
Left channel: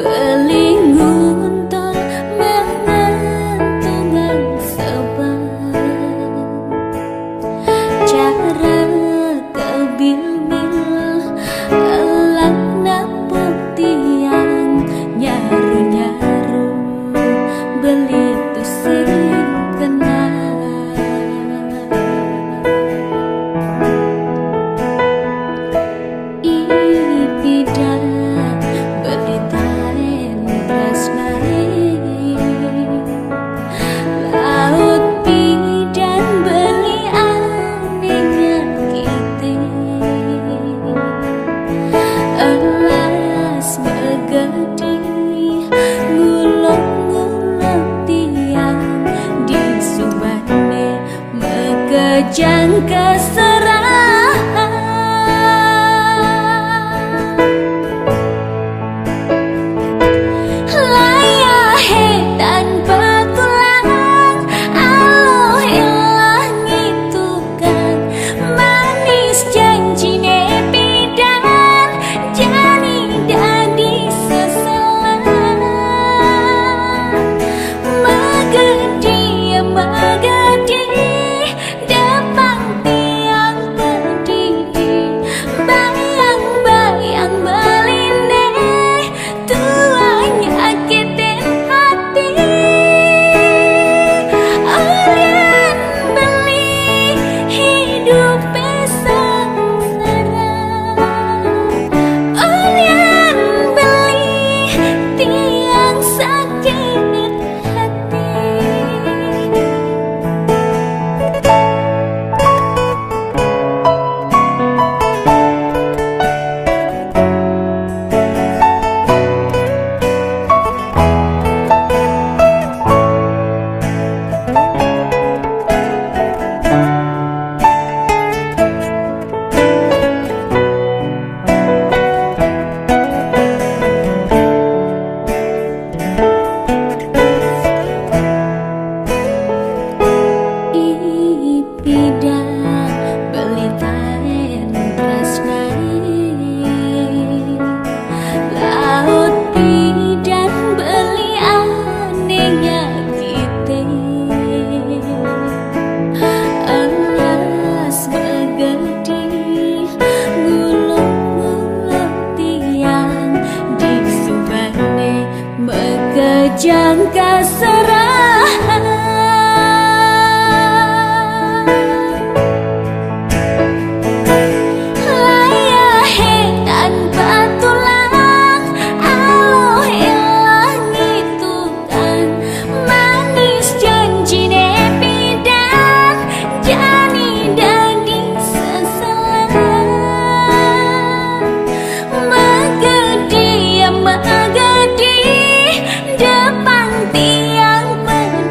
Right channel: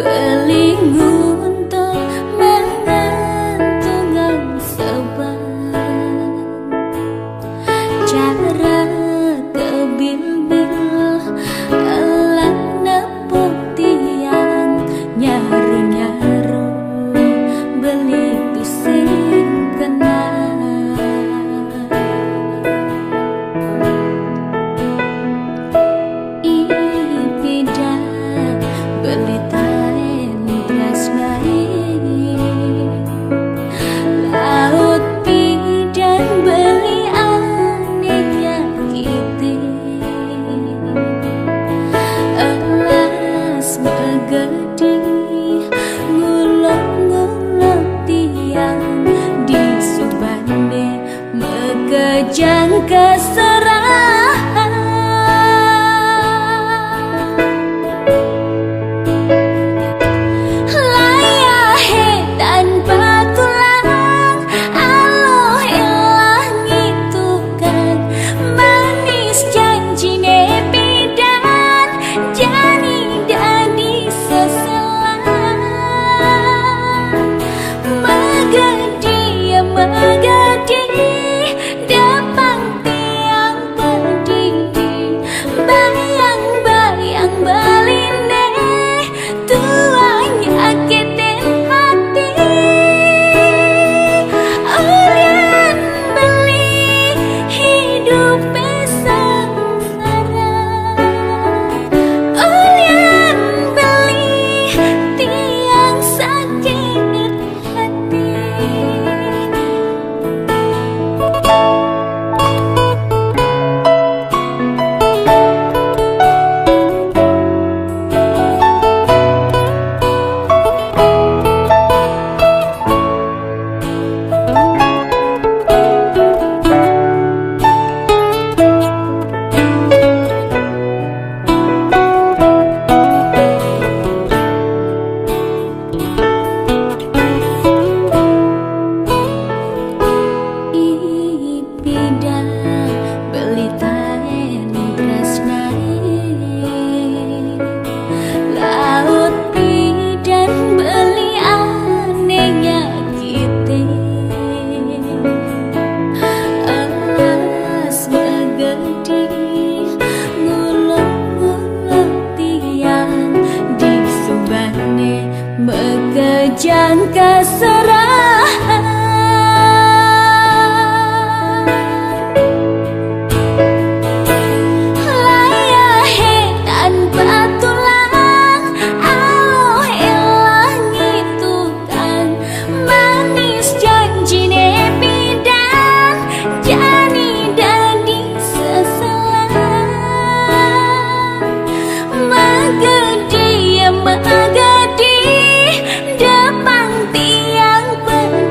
beli nguntol mengantungan sebab cara kebil-bil elak nepuk tiang nyaru-nyaru beli tu sing kenal. Bidan beli taen prasnai, laut bidan beli aneh nyakiti, elas megedi ngulok-ngulok tiang di subane mekejang keserahan. Tanpa tulang aloh ilah ngitukan manis janjine bidan jani dadi seselan megedi megedi depang tiang pedidi bayang-bayang beline tuanya nyakitin Olian beli hidup sengsara, Olian beli tiang sakit hati. Bidan beli taen prasnai, laut bidan beli aneh nyakiti, elas megedi ngulok-ngulok tiang di subane mekejang keserahan. Tanpa tulang aloh ilah ngitukan manis janjine bidan jani dadi seselan megedi megedi depang tiang pedidi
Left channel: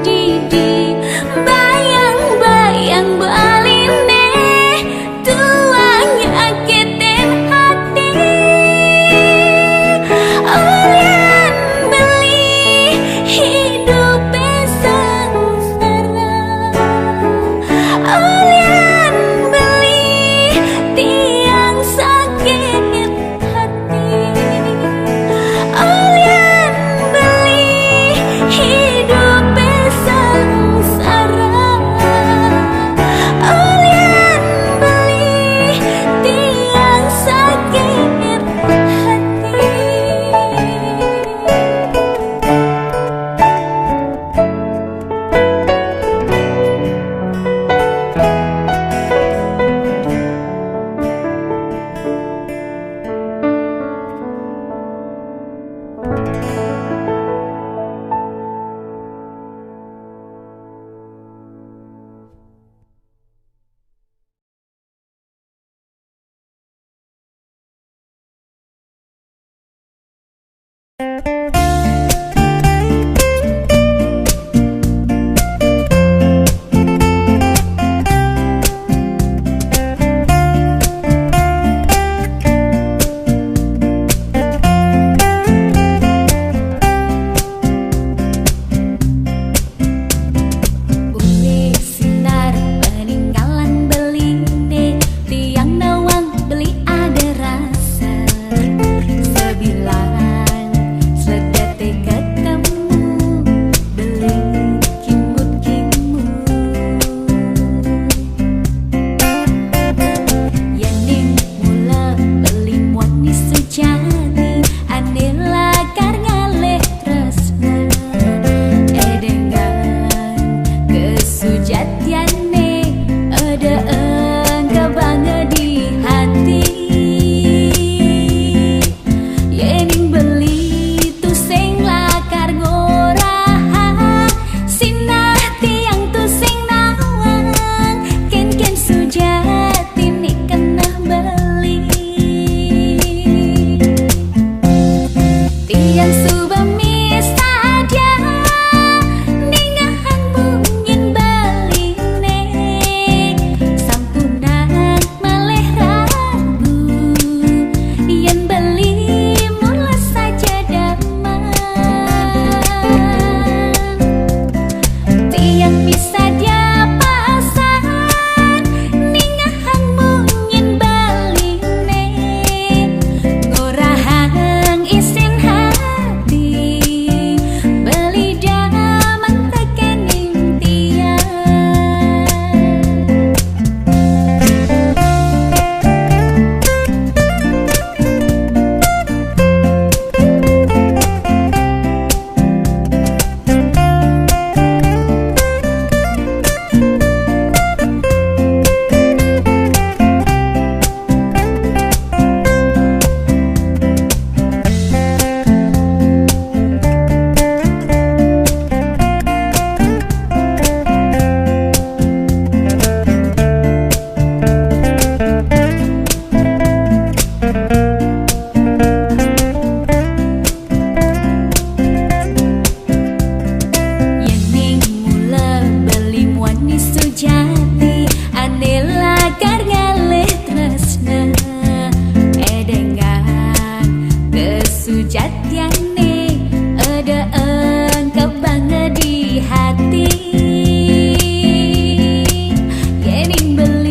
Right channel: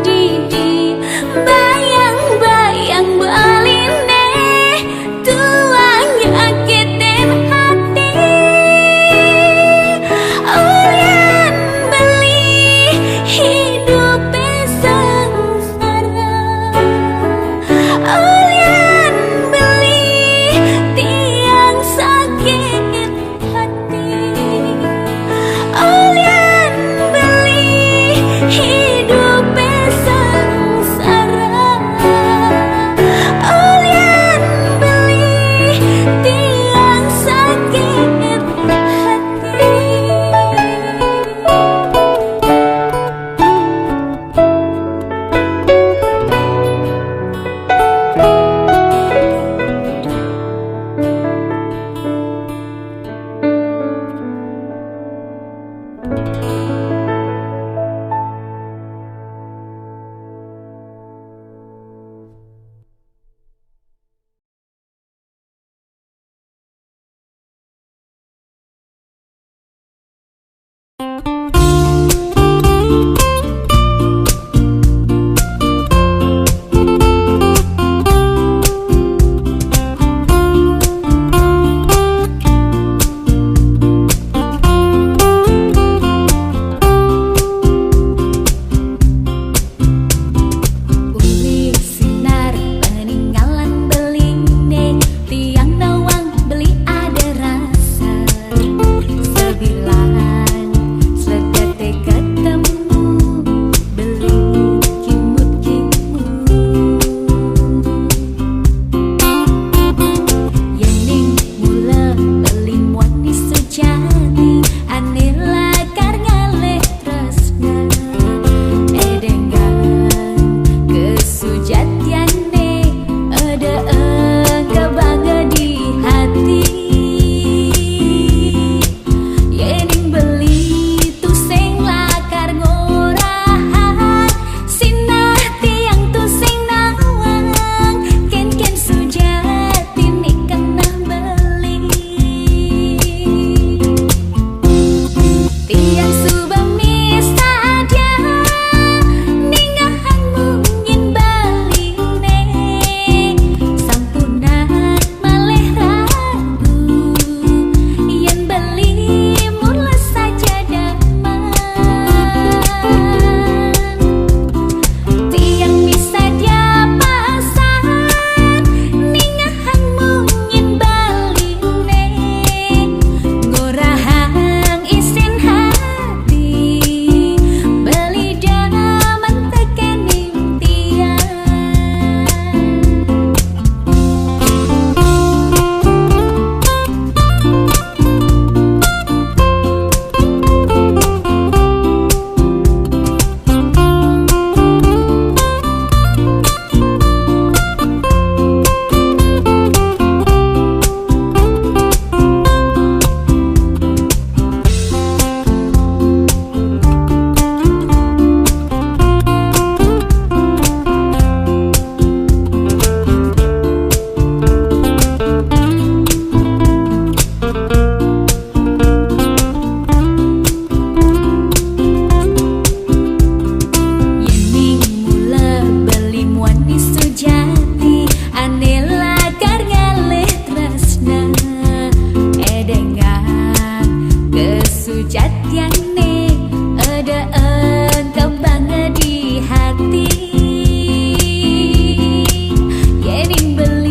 Jati anela karngaleh tresna edengan kesujatiane ada engkau di hati yening beli